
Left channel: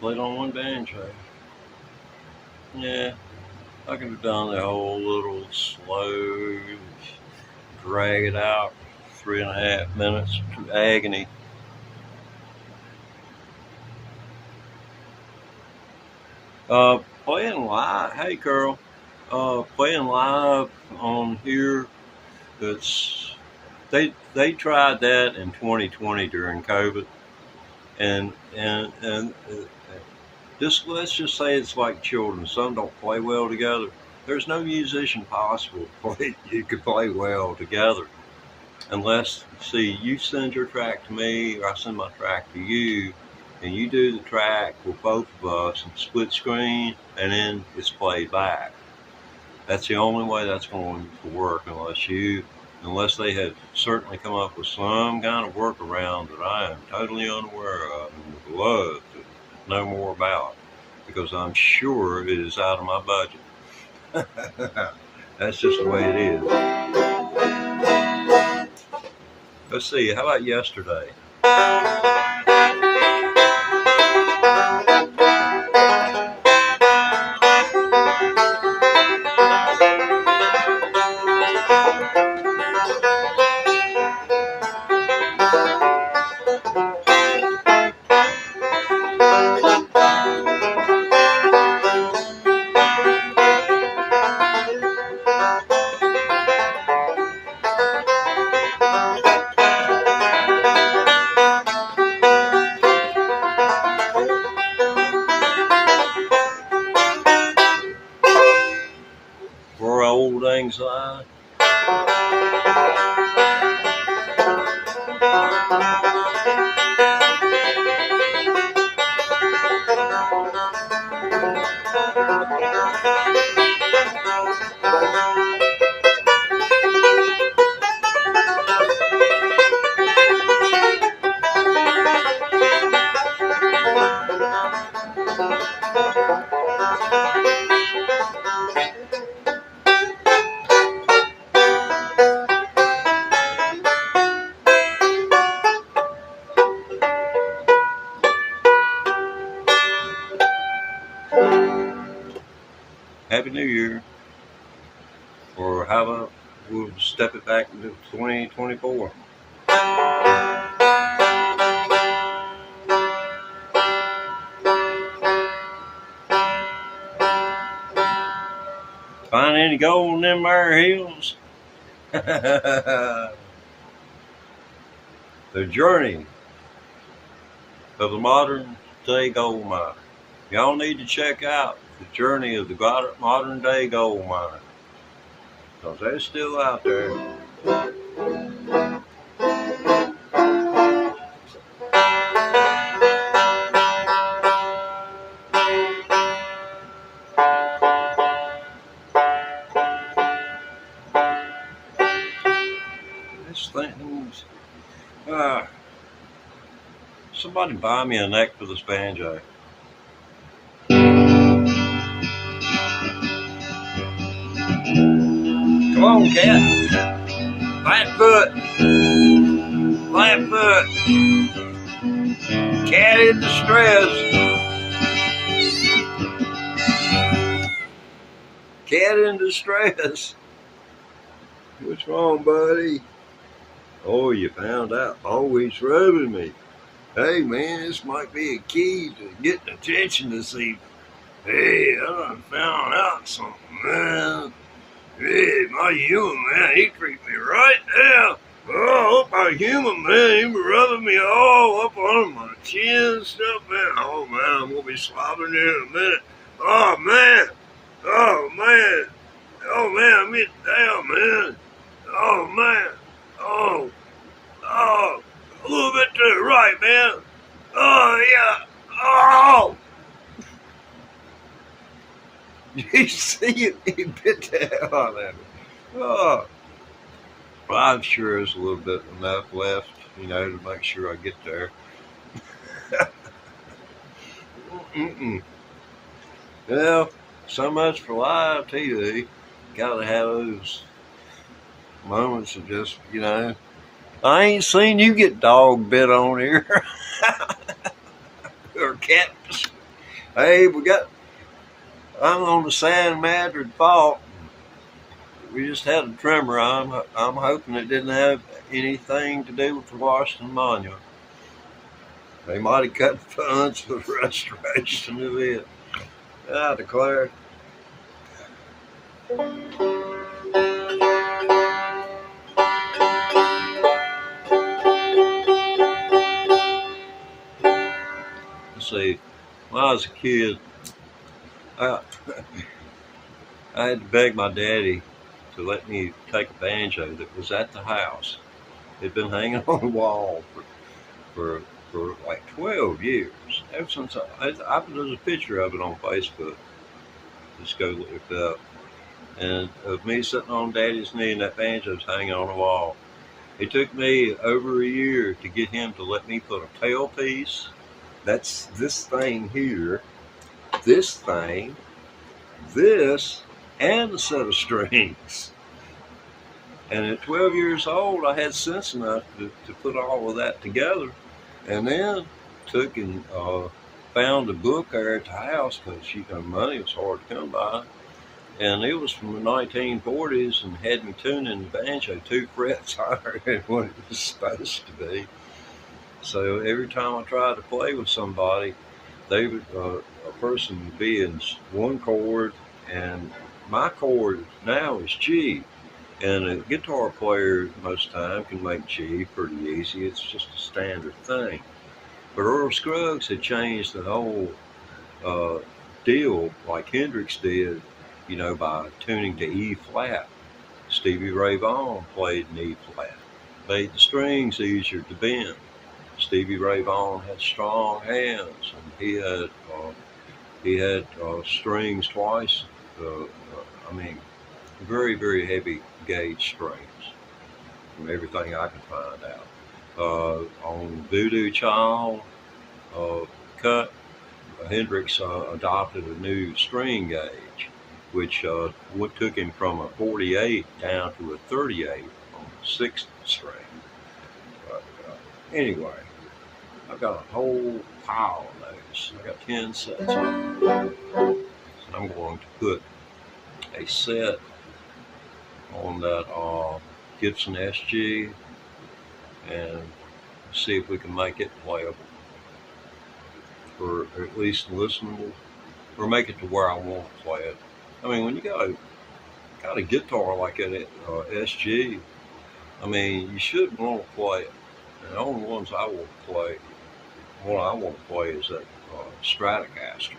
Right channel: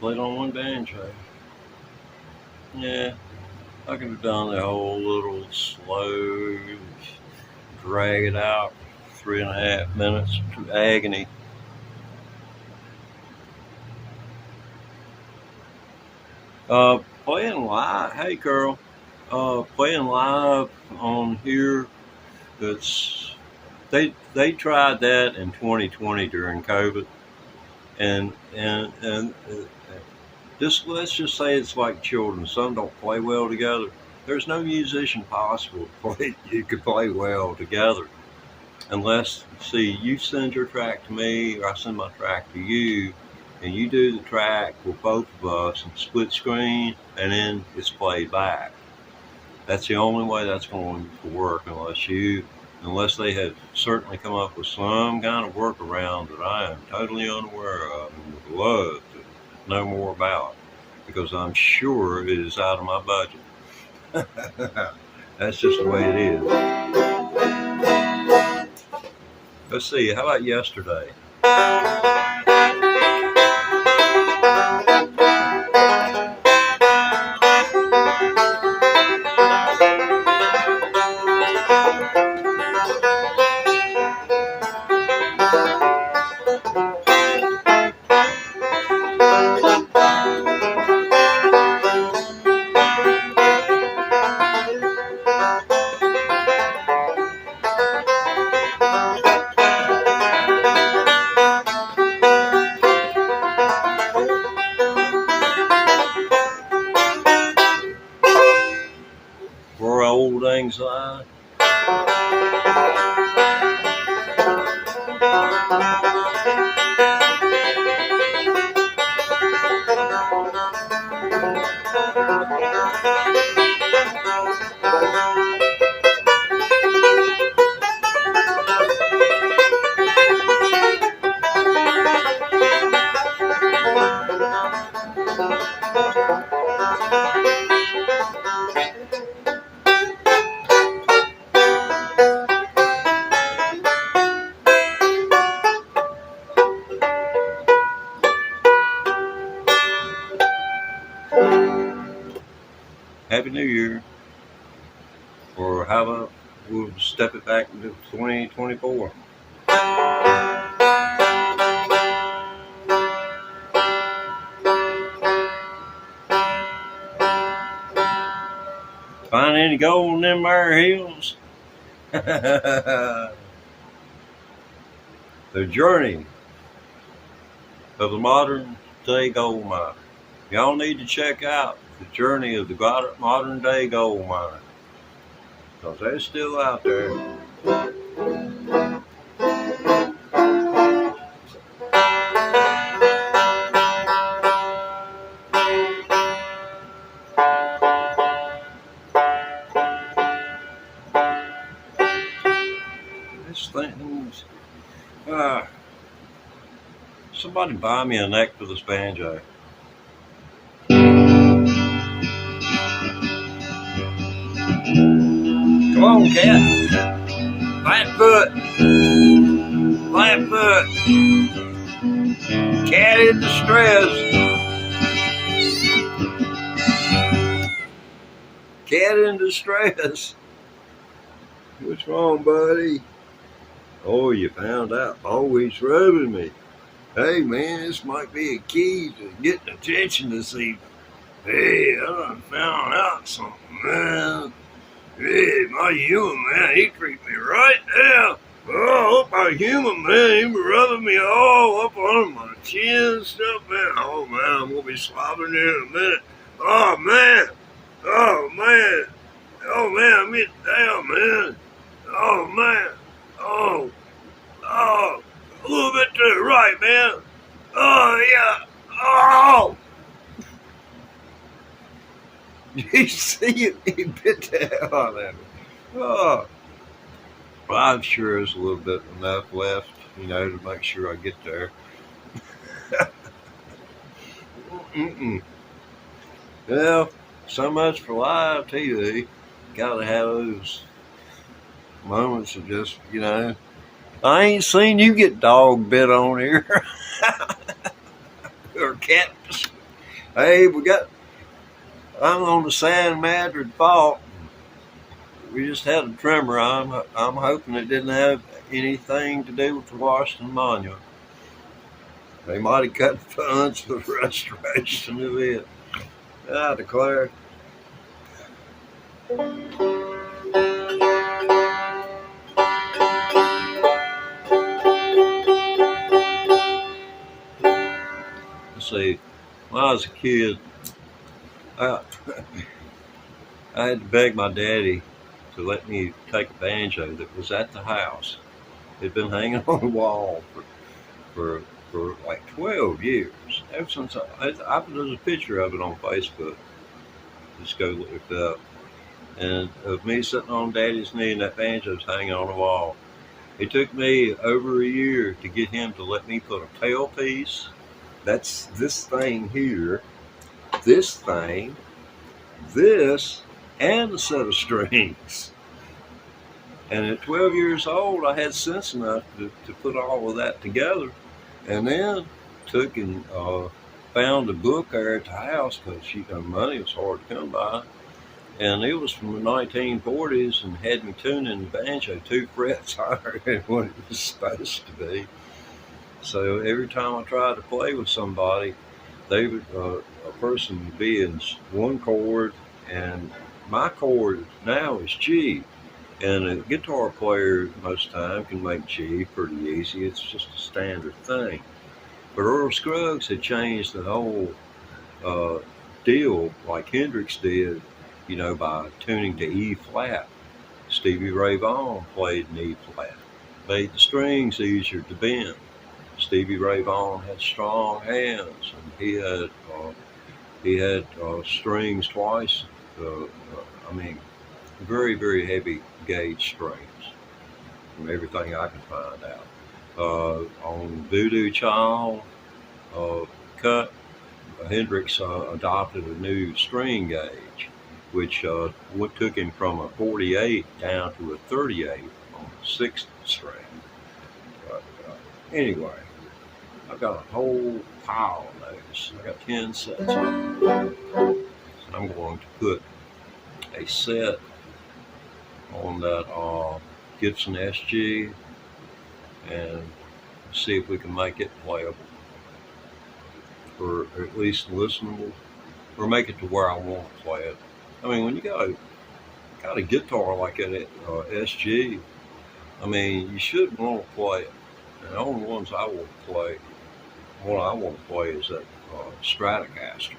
Played on one banjo. Yeah, I could have done the whole little slow, drag it out, 3.5 minutes to agony. Playing live, hey girl, playing live on here. They tried that in 2020 during COVID, and just let's just say it's like children. Some don't play well together. There's no musician possible you could play well together unless, see, you send your track to me or I send my track to you, and you do the track with both of us and split screen, and then it's played back. That's the only way that's going to work, unless they have certainly come up with some kind of workaround that I am totally unaware of and would love to know more about, because I'm sure it is out of my budget. That's just the way it is. Let's see, how about yesterday? For old anxiety. Happy New Year. Or how about we'll step it back into 2024? any gold in them there hills? The journey of the modern day gold miner. Y'all need to check out the journey of the modern day gold miner, because they're still out there. This thing's, somebody buy me a neck for this banjo. Come on, cat. Flatfoot. Flatfoot. Cat in distress. Cat in distress. What's wrong, buddy? Oh, you found out. Oh, he's rubbing me. Hey, man, this might be a key to getting attention this evening. Hey, I done found out something, man. Hey, my human, man, he treat me right now. Oh, my human, man, he be rubbing me all up on my chin and stuff, man. Oh, man, I'm going to be slobbering here in a minute. Oh, man. Oh, man. Oh, man, I'm getting down, man. Oh, man. Oh, a little bit to the right, man. Oh, yeah. Oh! You see it? He bit the hell out of me. Oh. Well, I'm sure there's a little bit enough left, to make sure I get there. Well, so much for live TV. Gotta have those moments of just, I ain't seen you get dog bit on here. Or cat. Hey, I'm on the San Madrid fault. We just had a tremor. I'm hoping it didn't have anything to do with the Washington Monument. They might have cut funds for the restoration of it. I declare. Let's see. When I was a kid, I had to beg my daddy to let me take a banjo that was at the house. It'd been hanging on the wall for like 12 years. Ever since there's a picture of it on Facebook. Just go look it up. And of me sitting on Daddy's knee and that banjo's hanging on the wall. It took me over a year to get him to let me put a tailpiece. That's this thing here. This thing. This. And a set of strings. And at 12 years old, I had sense enough to put all of that together. And then took and found a book there at the house, because money was hard to come by. And it was from the 1940s and had me tuning the banjo 2 frets higher than what it was supposed to be. So every time I tried to play with somebody, they would, a person would be in one chord, and my chord now is G. And a guitar player most of the time can make G pretty easy. It's just a standard thing. But Earl Scruggs had changed the whole deal like Hendrix did, by tuning to E flat. Stevie Ray Vaughan played in E flat. Made the strings easier to bend. Stevie Ray Vaughan had strong hands, and he had strings twice. Very, very heavy gauge strings, from everything I could find out. On Voodoo Child cut, Hendrix adopted a new string gauge, which took him from a 48 down to a 38 on the 6th string. But anyway, I've got a whole pile of those. I got 10 sets of them. So I'm going to put a set on that Gibson SG and see if we can make it playable, or at least listenable, or make it to where I want to play it. When you go got a guitar like that at SG. I mean, you should want to play it. And the only ones I want to play, one I want to play is that Stratocaster.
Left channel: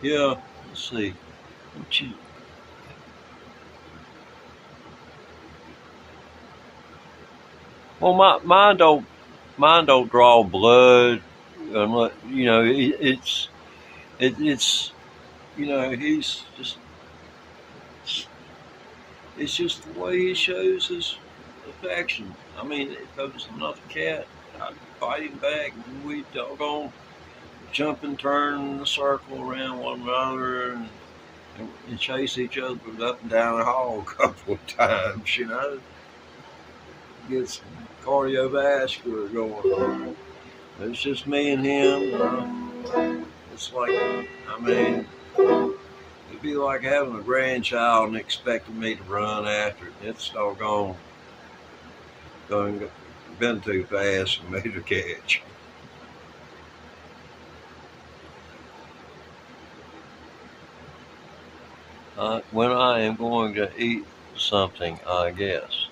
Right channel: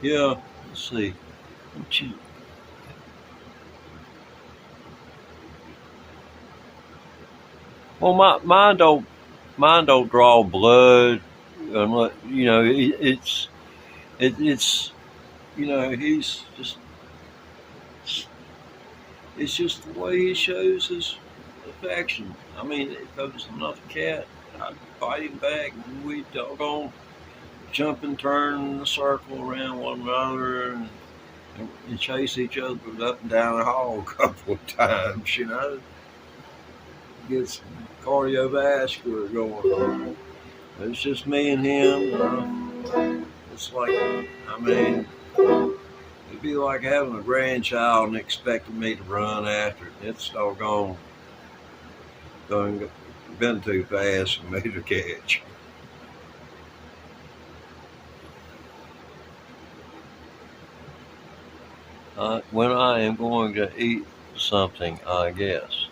Yeah, let's see. Well, mine don't draw blood, and you know, it's you know, it's just the way he shows his affection. I mean, if there was another cat, I'd fight him back, and we'd doggone jump and turn in a circle around one another, and chase each other up and down the hall a couple of times, you know. Get some cardiovascular going on. It's just me and him. It's like, I mean, it'd be like having a grandchild and expecting me to run after it. It's doggone been too fast for me to catch. When I am going to eat something, I guess.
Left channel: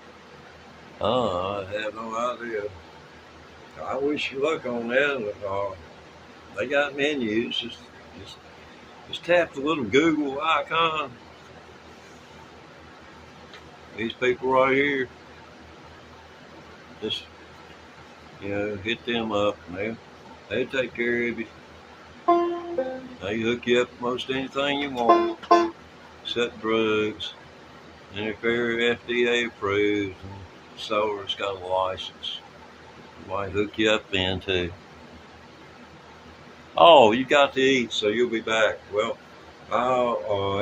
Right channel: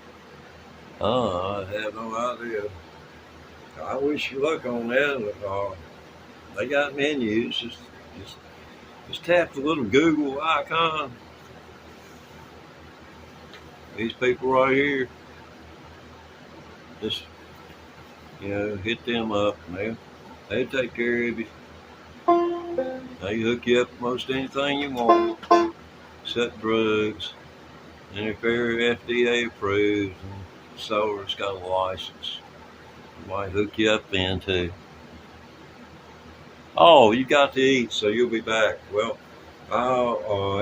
I have no idea. I wish you luck on that. They got menus. Just tap the little Google icon. These people right here, just hit them up, and they take care of you. They hook you up with most anything you want, except drugs. And if they're FDA approved and seller's got a license, they might hook you up then too. Oh, you got to eat, so you'll be back. Well,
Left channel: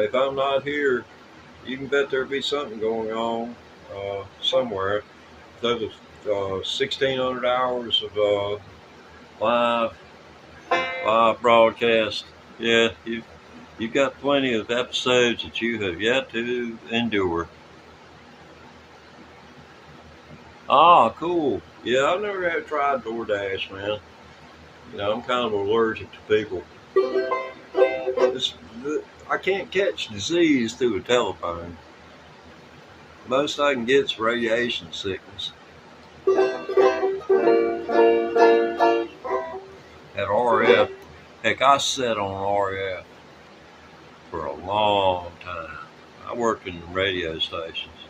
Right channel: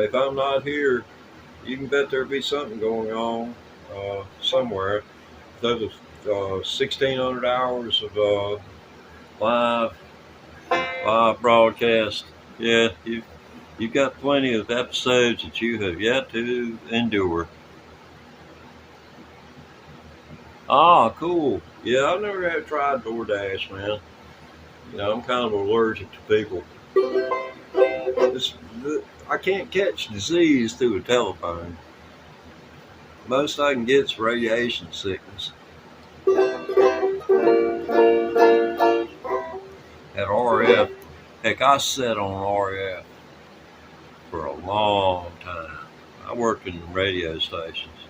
if I'm not here, you can bet there'll be something going on somewhere. There's 1,600 hours of live broadcast. Yeah, you've got plenty of episodes that you have yet to endure. Ah, cool. Yeah, I never have tried DoorDash, man. I'm kind of allergic to people. I can't catch disease through a telephone. Most I can get is radiation sickness. At RF, heck, I sat on RF for a long time. I worked in radio stations.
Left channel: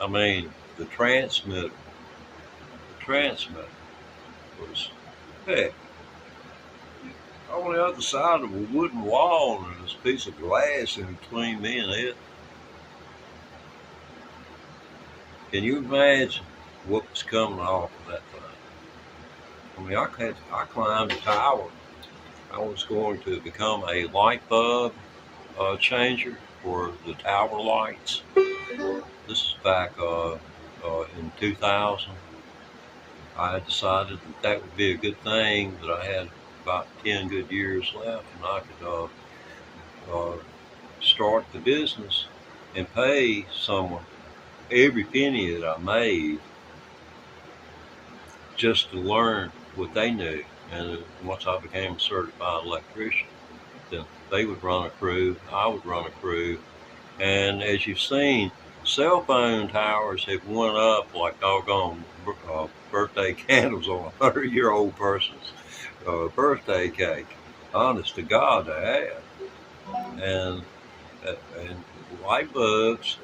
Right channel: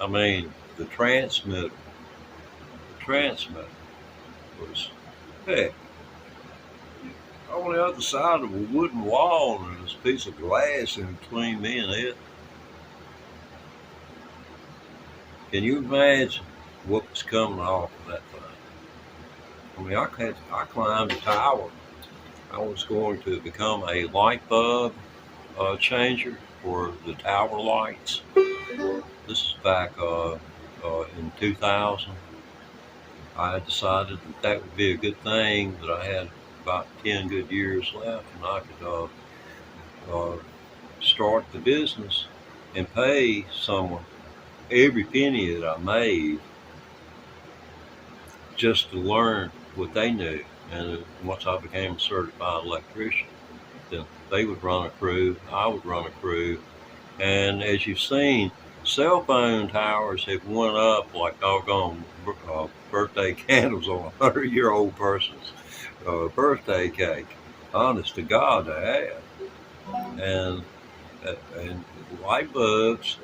I mean, the transmitter was, heck, on the other side of a wooden wall, and there's a piece of glass in between me and it. Can you imagine what was coming off of that thing? I mean, I climbed a tower. I was going to become a light bulb changer for the tower lights. This is back in 2000. I had decided that would be a good thing, that I had about 10 good years left, and I could start the business and pay someone every penny that I made just to learn what they knew. And once I became a certified electrician, then they would run a crew, I would run a crew. And as you've seen, cell phone towers have went up like doggone birthday candles on a 100-year-old person's birthday cake. Honest to God, they have. And light bulbs,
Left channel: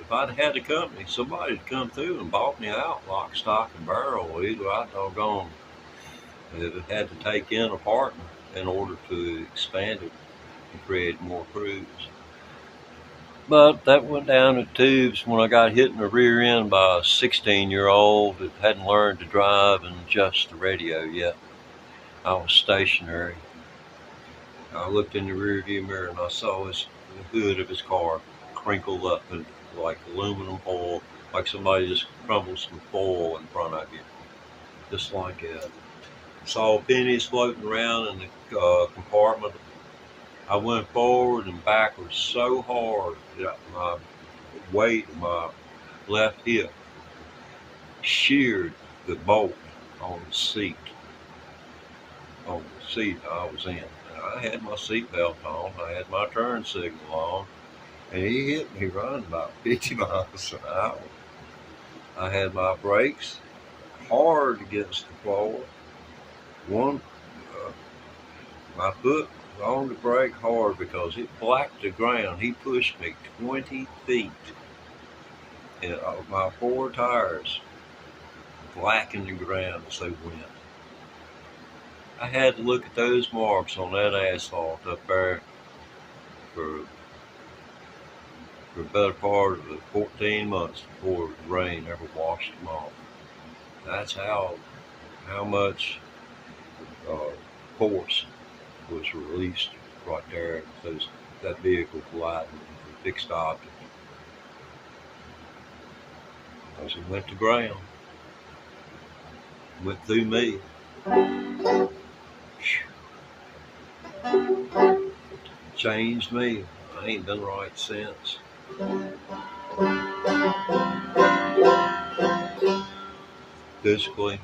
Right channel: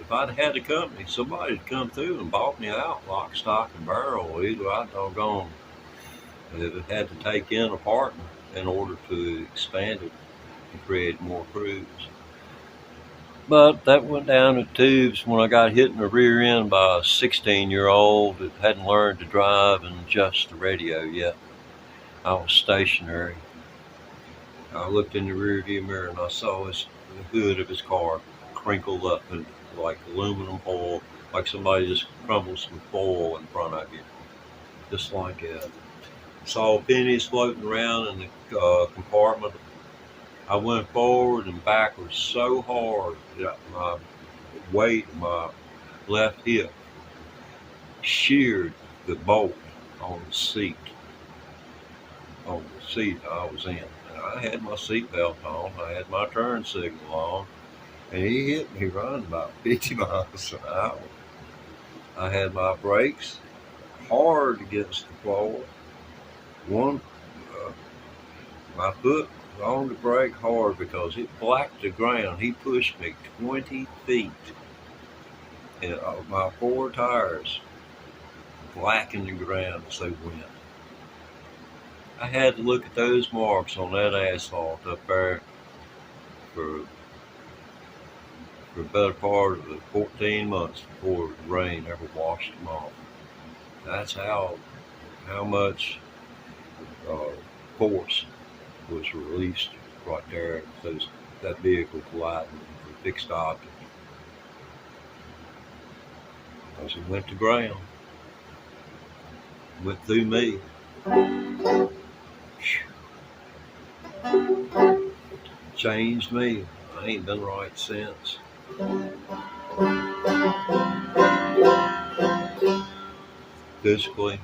if I'd had a company, somebody'd come through and bought me out lock, stock, and barrel. Either I doggone it had to take in a partner in order to expand it and create more crews. But that went down the tubes when I got hit in the rear end by a 16-year-old that hadn't learned to drive and adjust the radio yet. I was stationary. I looked in the rearview mirror and I saw the hood of his car crinkled up in like aluminum foil, like somebody just crumbled some foil in front of you. Just like that. Saw pennies floating around in the compartment. I went forward and backwards so hard that my weight, my left hip, sheared the bolt on the seat. on the seat I was in. And I had my seatbelt on, I had my turn signal on, and he hit me running about 50 miles an hour. I had my brakes hard against the floor. One, my foot was on the brake hard because it blacked the ground. He pushed me 20 feet, and my four tires blackened the ground as they went. I had to look at those marks on that asphalt up there for the better part of the 14 months before the rain ever washed them off. That's how much force was released right there. That vehicle colliding with the fixed object. As it went to ground, went through me. Changed me. I ain't done right since. Physically.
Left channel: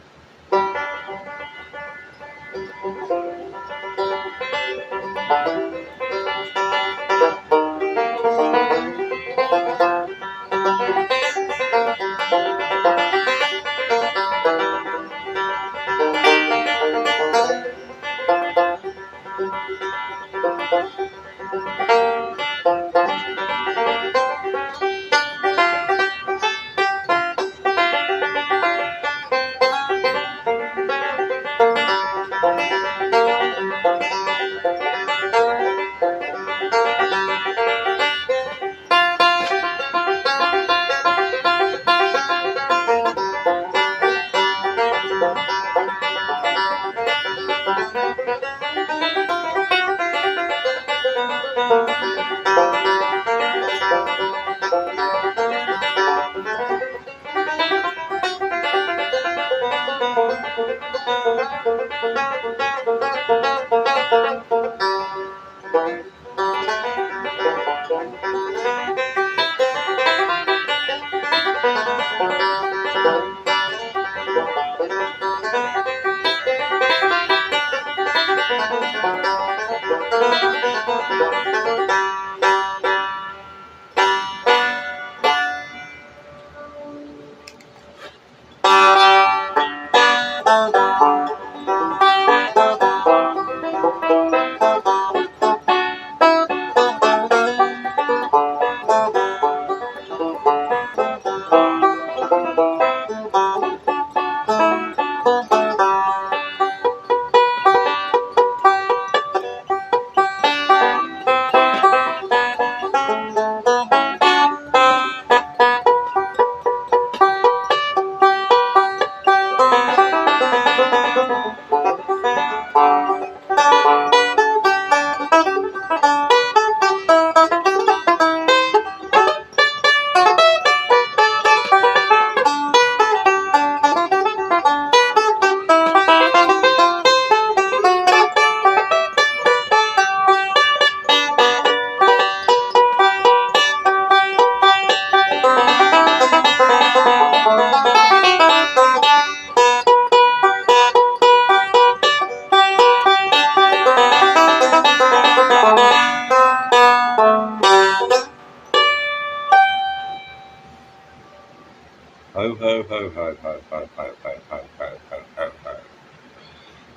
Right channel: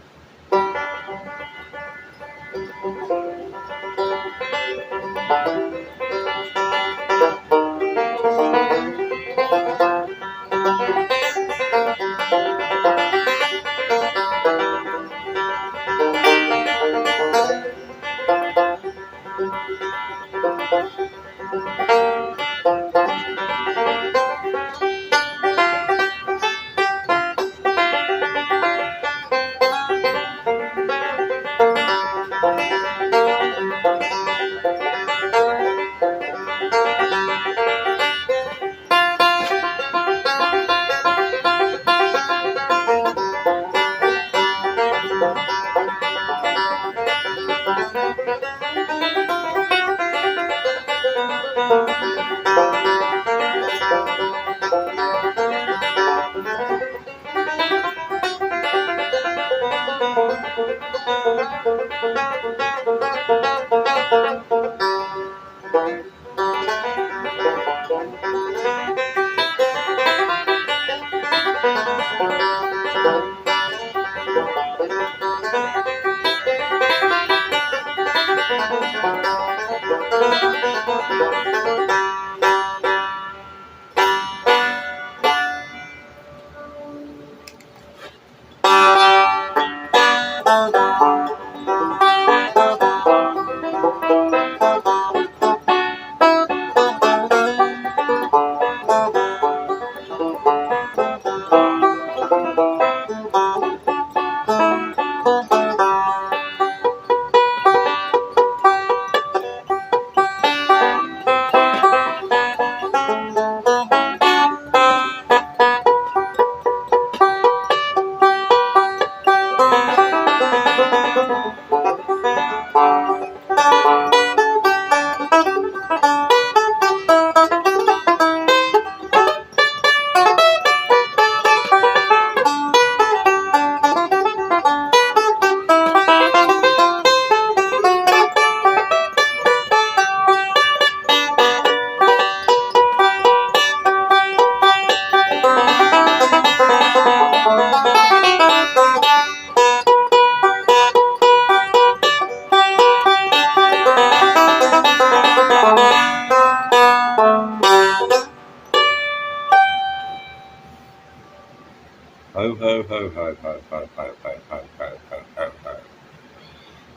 Ho, ho, ho, ho, ho, ho, ho, ho, ho, ho, ho, ho,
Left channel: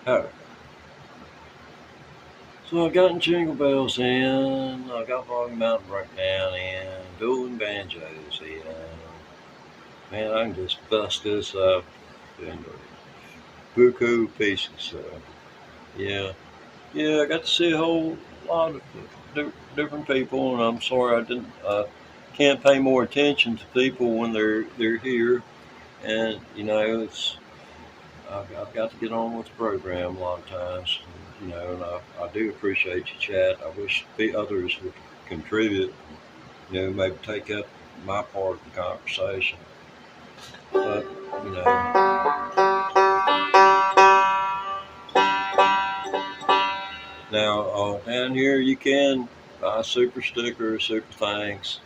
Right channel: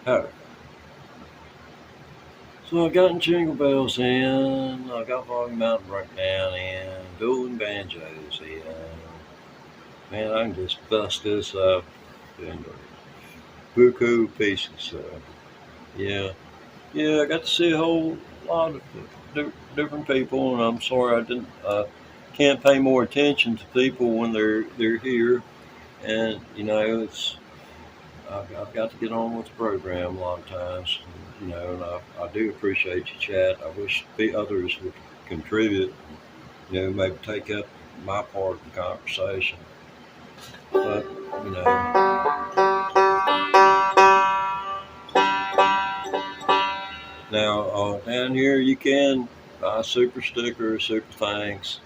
ho. So I got Jingle Bells in, I got Foggy Mountain Breakdown in, dueling banjos in. Man, I can just bust this up into buku pieces. So, yeah, I got to see a whole lot of different people, and I'm sorry I can't pay more attention to people when they're here, and I've got to get on with the program a lot of times, and I do appreciate you, chat. I wish the others would contribute, maybe take up my part of the conversation, but now down here you can buy super stickers, super thanks,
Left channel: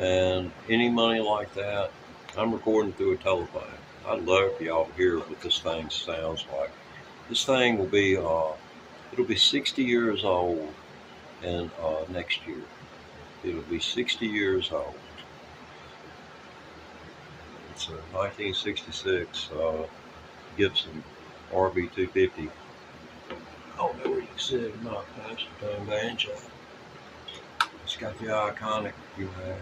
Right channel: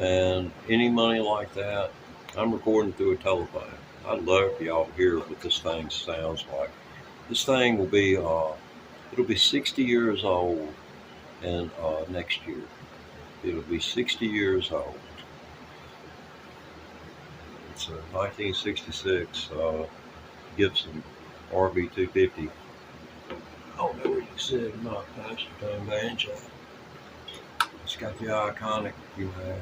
and any money like that. I'm recording through a telephone. I'd love for y'all to hear what this thing sounds like. This thing will be, it'll be 60 years old in next year. It'll be 60 years old. It's a 1966 Gibson RB250. I don't know where you see it or not. That's the tone banjo. It's got the iconic, you know.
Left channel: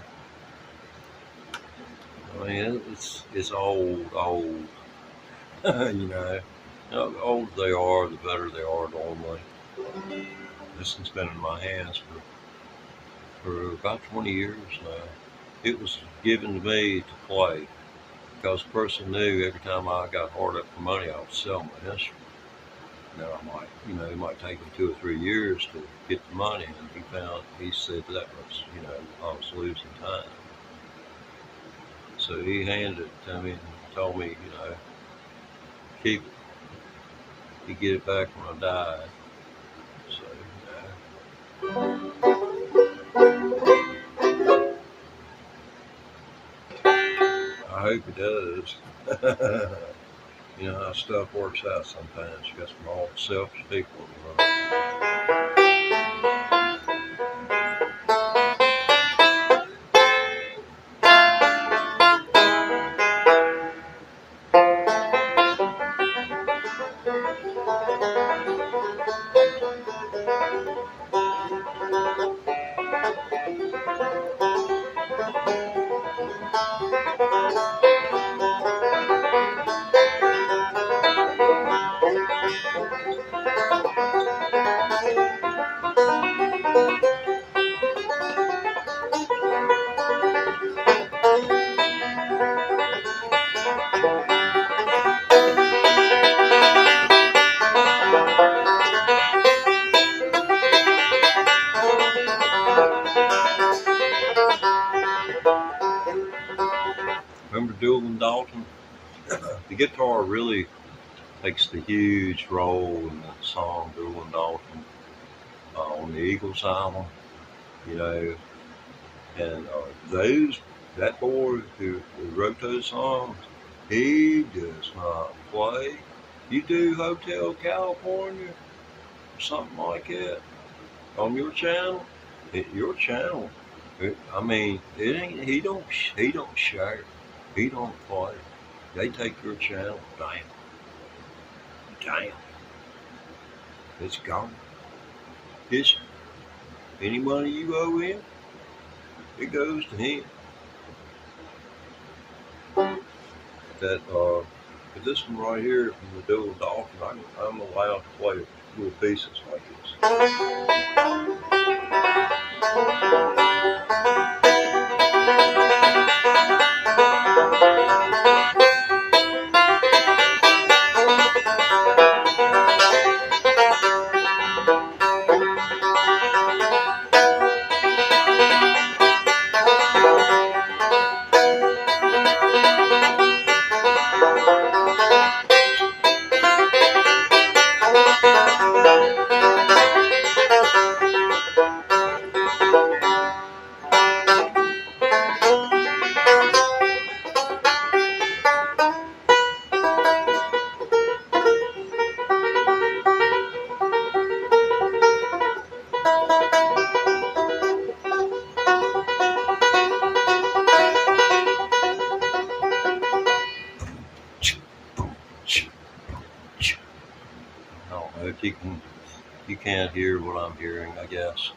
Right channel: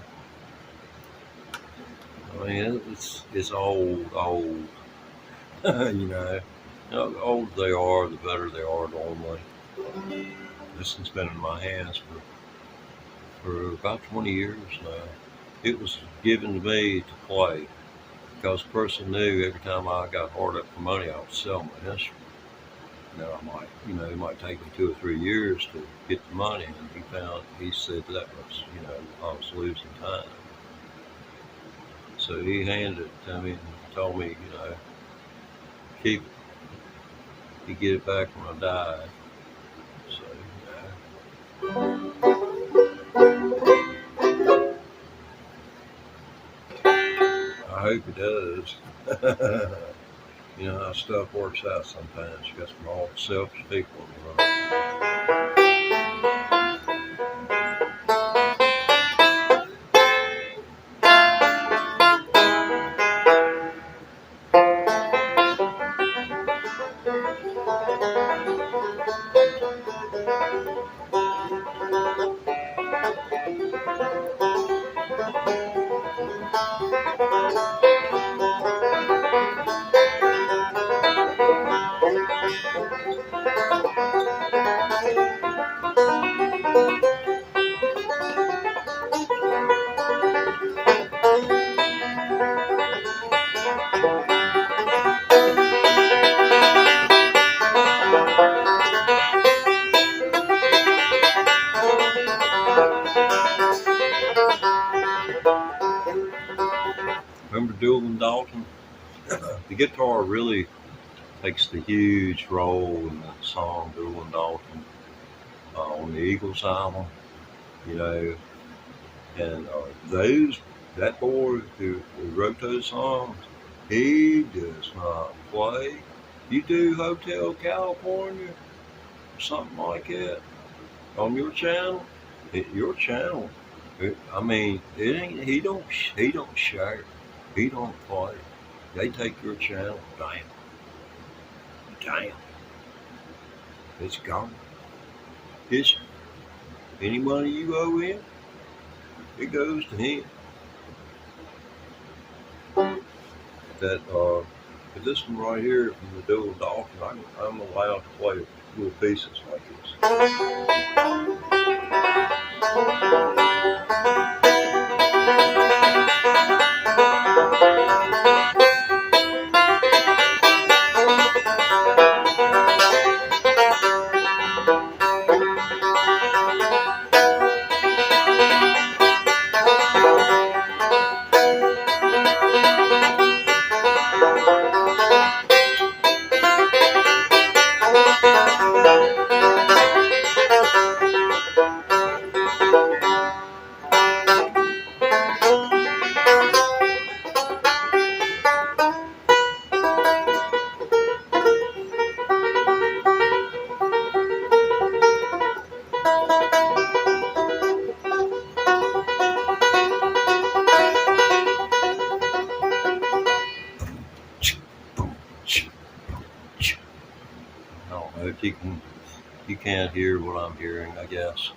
I mean, it's old, you know. The older they are, the better they are normally. This has been in my hands for about 20 years now. It was given to me to play because the person knew every time I got hard up for money, I would sell my instrument. Now I might, you know, it might take me 2 or 3 years to get the money, and he said that was, you know, I was losing time. So he handed it to me and told me, you know, keep it. You get it back when I die. So, you know. I hope it does. You know how stuff works out sometimes. You got some all selfish people in the world. Remember Doolin Dalton? The guitar really takes the huge role in that song, Doolin Dalton, on the Eagles album, you know. And that boy who wrote those songs, he does not play. You do Hotel California or something like that on your channel. Your channel. I mean, it ain't. He don't share. He don't play. They take your channel down. It's gone. It's any money you owe him, it goes to him. But this one right here from the Doolin Dalton, I'm allowed to play little pieces like this. If you can't hear what I'm hearing, I guess.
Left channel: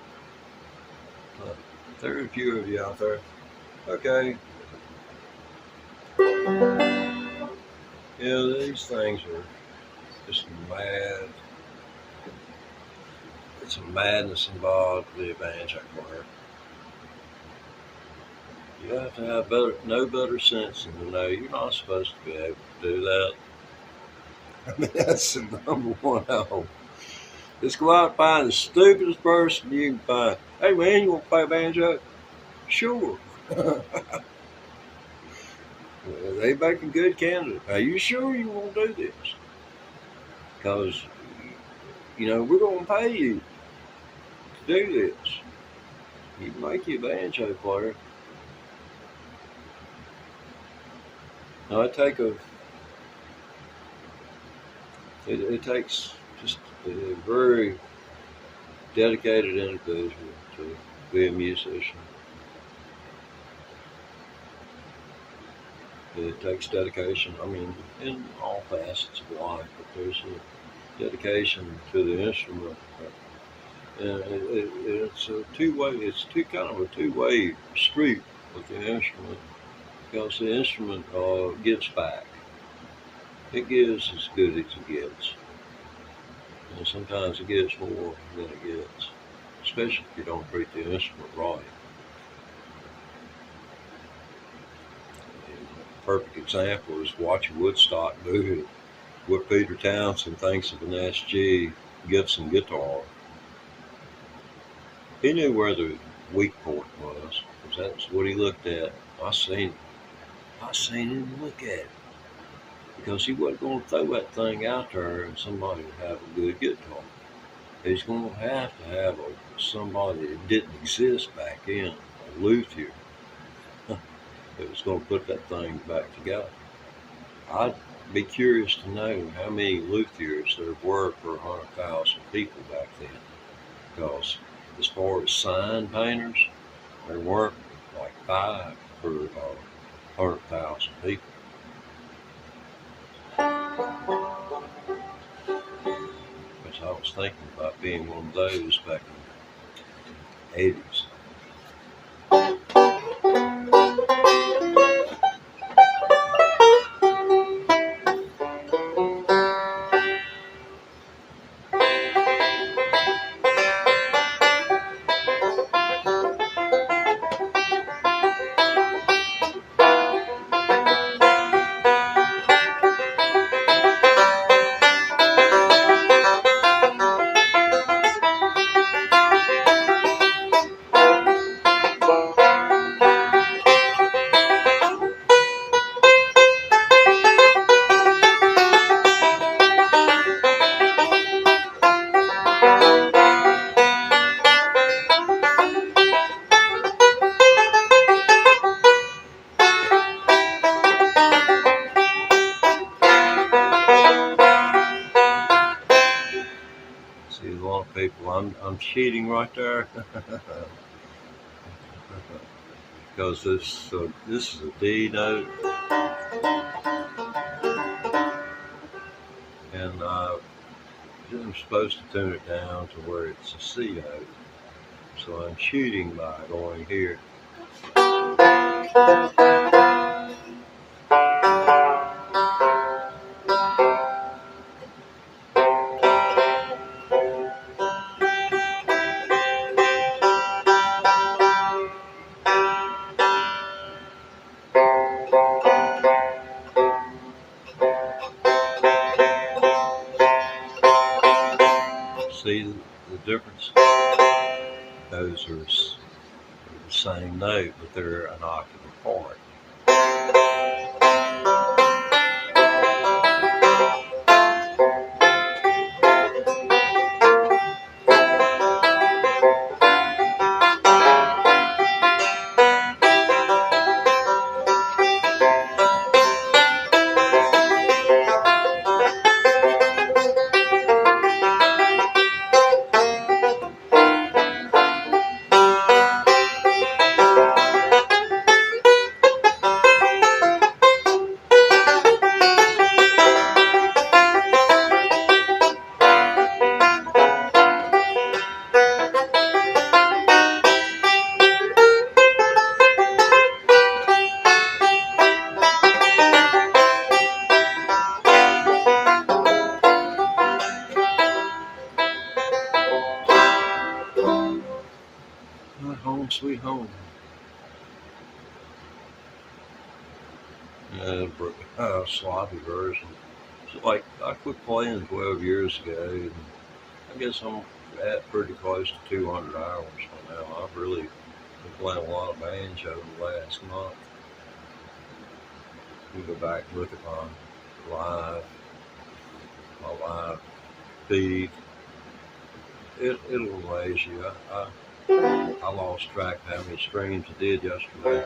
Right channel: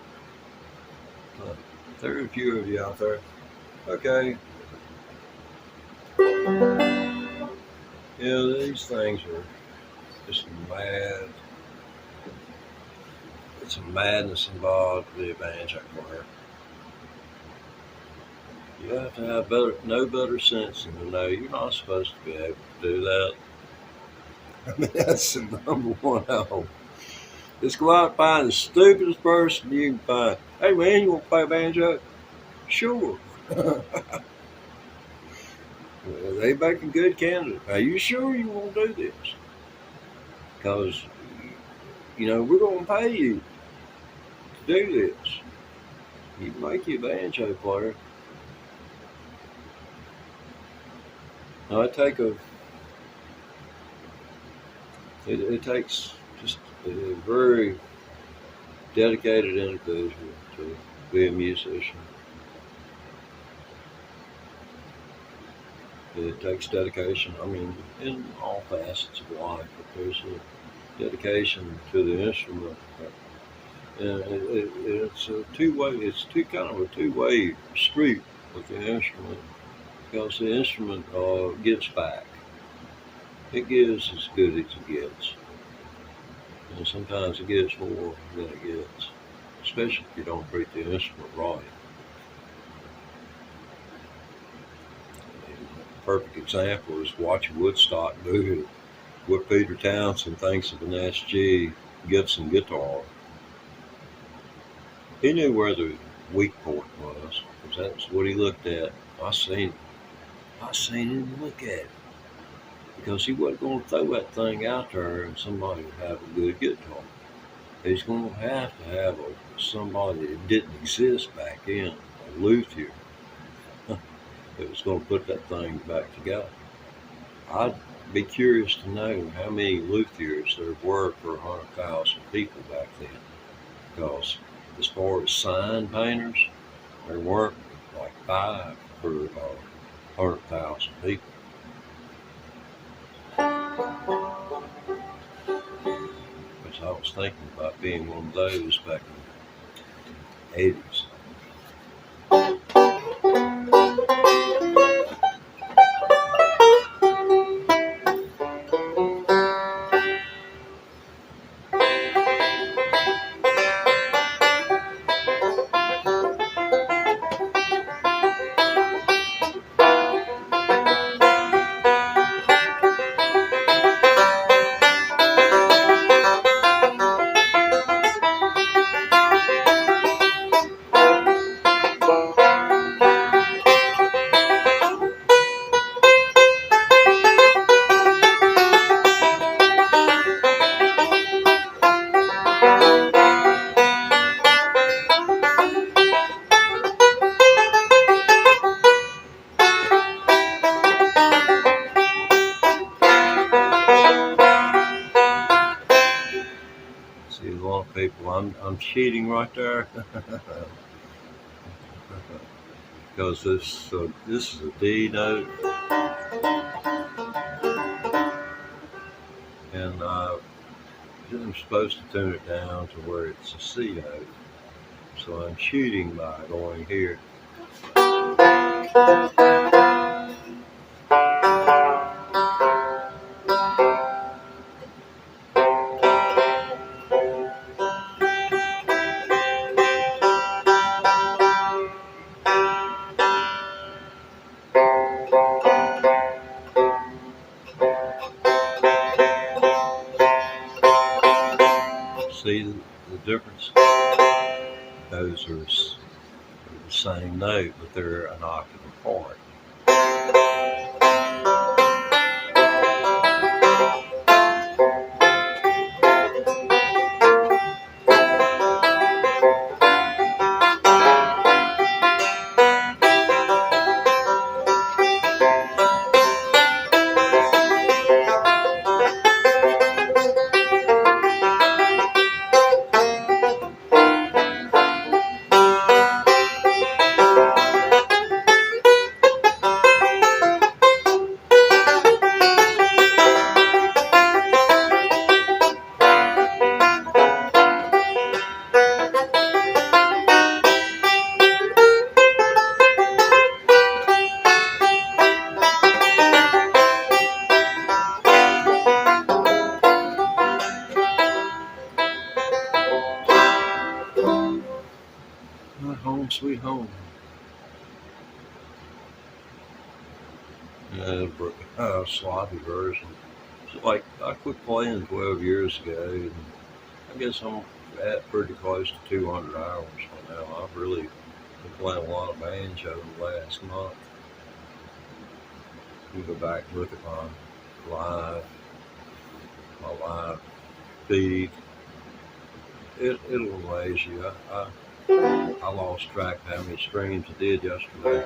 There are a few of you out there. Okay. Yeah, these things are just mad. It's a madness involved with the banjo player. You have to have no better sense than to know you're not supposed to be able to do that. I mean, that's the number one hope. Just go out and find the stupidest person you can find. Hey man, you want to play a banjo? Sure. They make a good candidate. Are you sure you want to do this? Because, you know, we're going to pay you to do this. You can make you a banjo player. Now I take It takes just a very dedicated individual to be a musician. It takes dedication, I mean, in all facets of life, but there's a dedication to the instrument. And it's a two-way, it's kind of a two-way street with the instrument, because the instrument gives back. It gives as good as it gets. And sometimes it gives more than it gets, especially if you don't treat the instrument right. A perfect example is watching Woodstock do what Peter Townsend thinks of an SG Gibson guitar. He knew where the weak point was, because that's what he looked at. I seen him look at it, because he wasn't going to throw that thing out there and somebody would have a good guitar. He's going to have somebody that didn't exist back then, a luthier, that was going to put that thing back together. I'd be curious to know how many luthiers there were per 100,000 people back then, because as far as sign painters, there weren't like 5 per 100,000 people. Because I was thinking about being one of those back in the 80s. See, a lot of people, I'm cheating right there. Because this is a D note, and I'm supposed to tune it down to where it's a C note. So I'm cheating by going here. See the difference? Those are the same note, but they're an octave apart. Home sweet home. Sloppy version. So like I quit playing 12 years ago, and I guess I'm at pretty close to 200 hours by now. I've really been playing a lot of banjo in the last month. You go back and look at my live feed. It'll amaze you. I lost track of how many streams I did yesterday.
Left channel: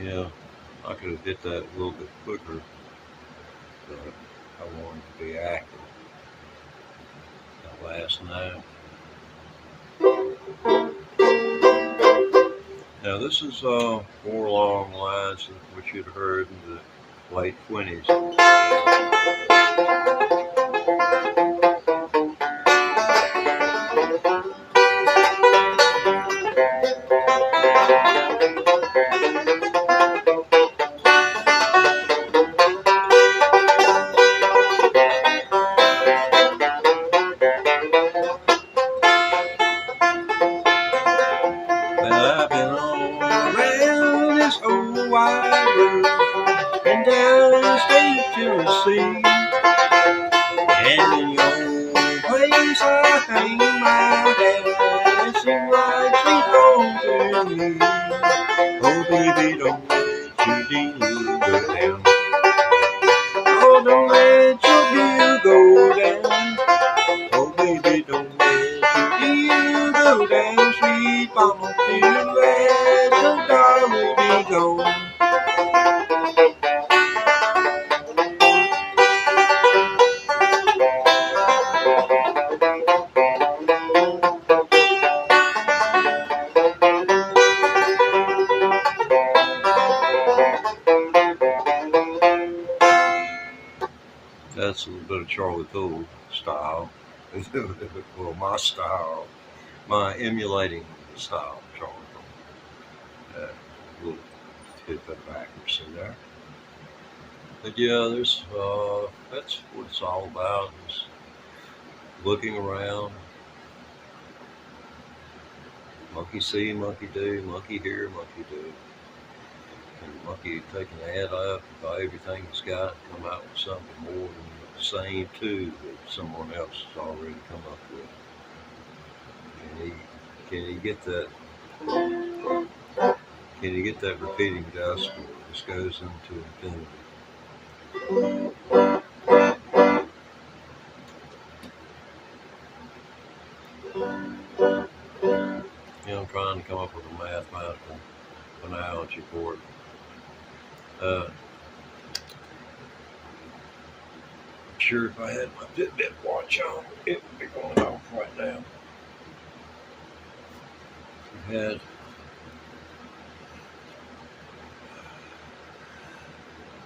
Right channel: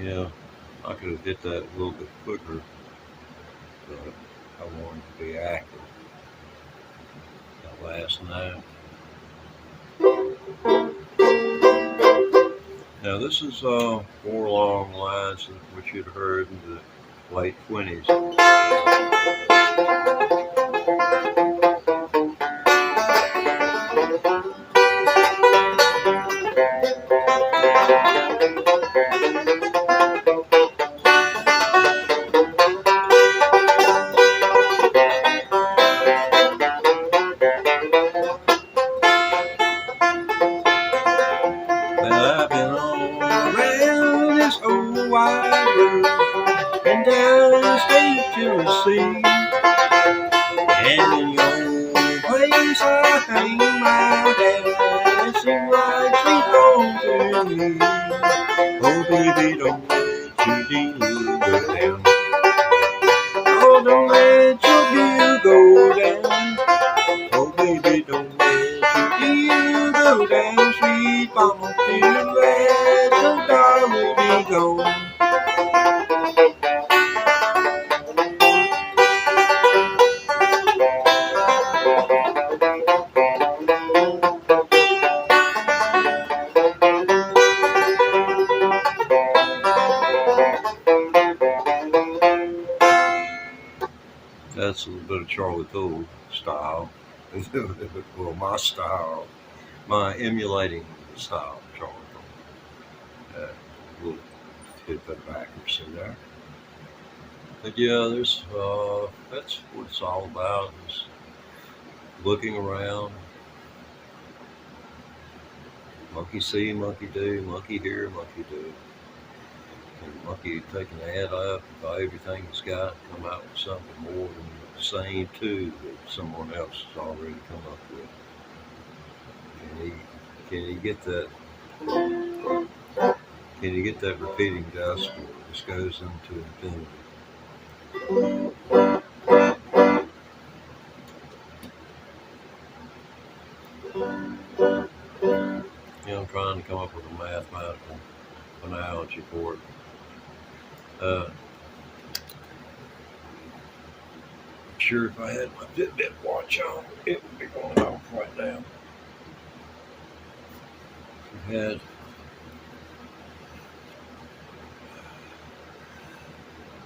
Yeah, I could have hit that a little bit quicker, but I wanted to be accurate. That last night. Now this is more along the lines of what you'd heard in the late 20s. But I've been all around this old wide world, and down in the state of Tennessee, and in your place I hang my hat. It seems like she's home to me. Oh baby, don't let your deal go down. Oh, don't let your deal go down. Oh baby, don't let your deal go down. Sweet mama, feel let your darling be gone. That's a little bit of Charlie Cole style. Well, my style, my emulating style, Charlie Cole. We'll hit that accuracy there. But yeah, that's what it's all about, is looking around. Monkey see, monkey do, monkey hear, monkey do. And monkey taking the head up by everything he's got, come out with something more than the same too that someone else has already come up with. Can he get that? Can you get that repeating dust where this goes into infinity? I'm trying to come up with a mathematical analogy for it. Sure, if I had my Fitbit watch on, it would be going off right now. We had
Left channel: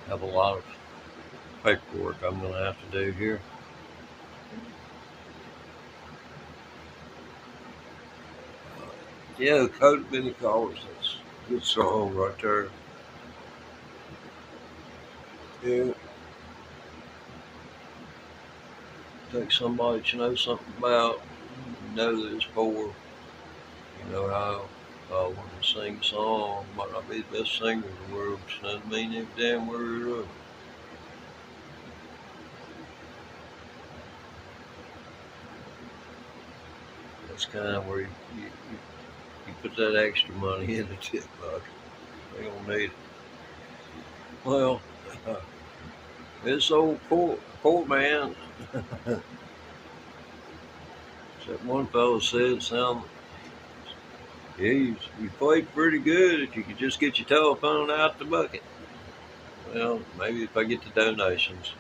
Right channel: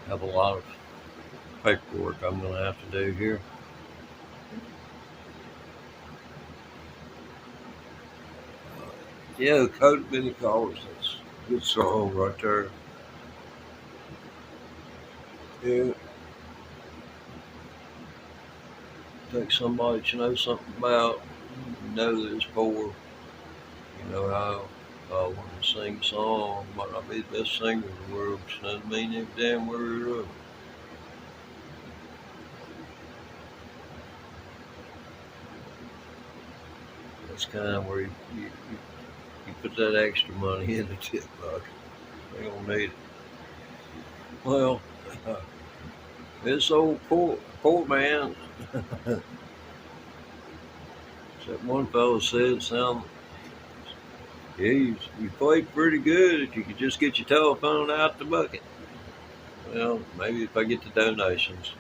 have a lot of paperwork I'm going to have to do here. Yeah, the Coat of Many Colors. That's a good song right there. Yeah. Take somebody that you know something about, you know that it's poor. You know how I want to sing a song, might not be the best singer in the world, but doesn't mean every damn word of it. That's kind of where you put that extra money in the tip bucket. They don't need it. Well, this old poor man, that one fellow said, yeah, you played pretty good if you could just get your telephone out the bucket. Well, maybe if I get the donations.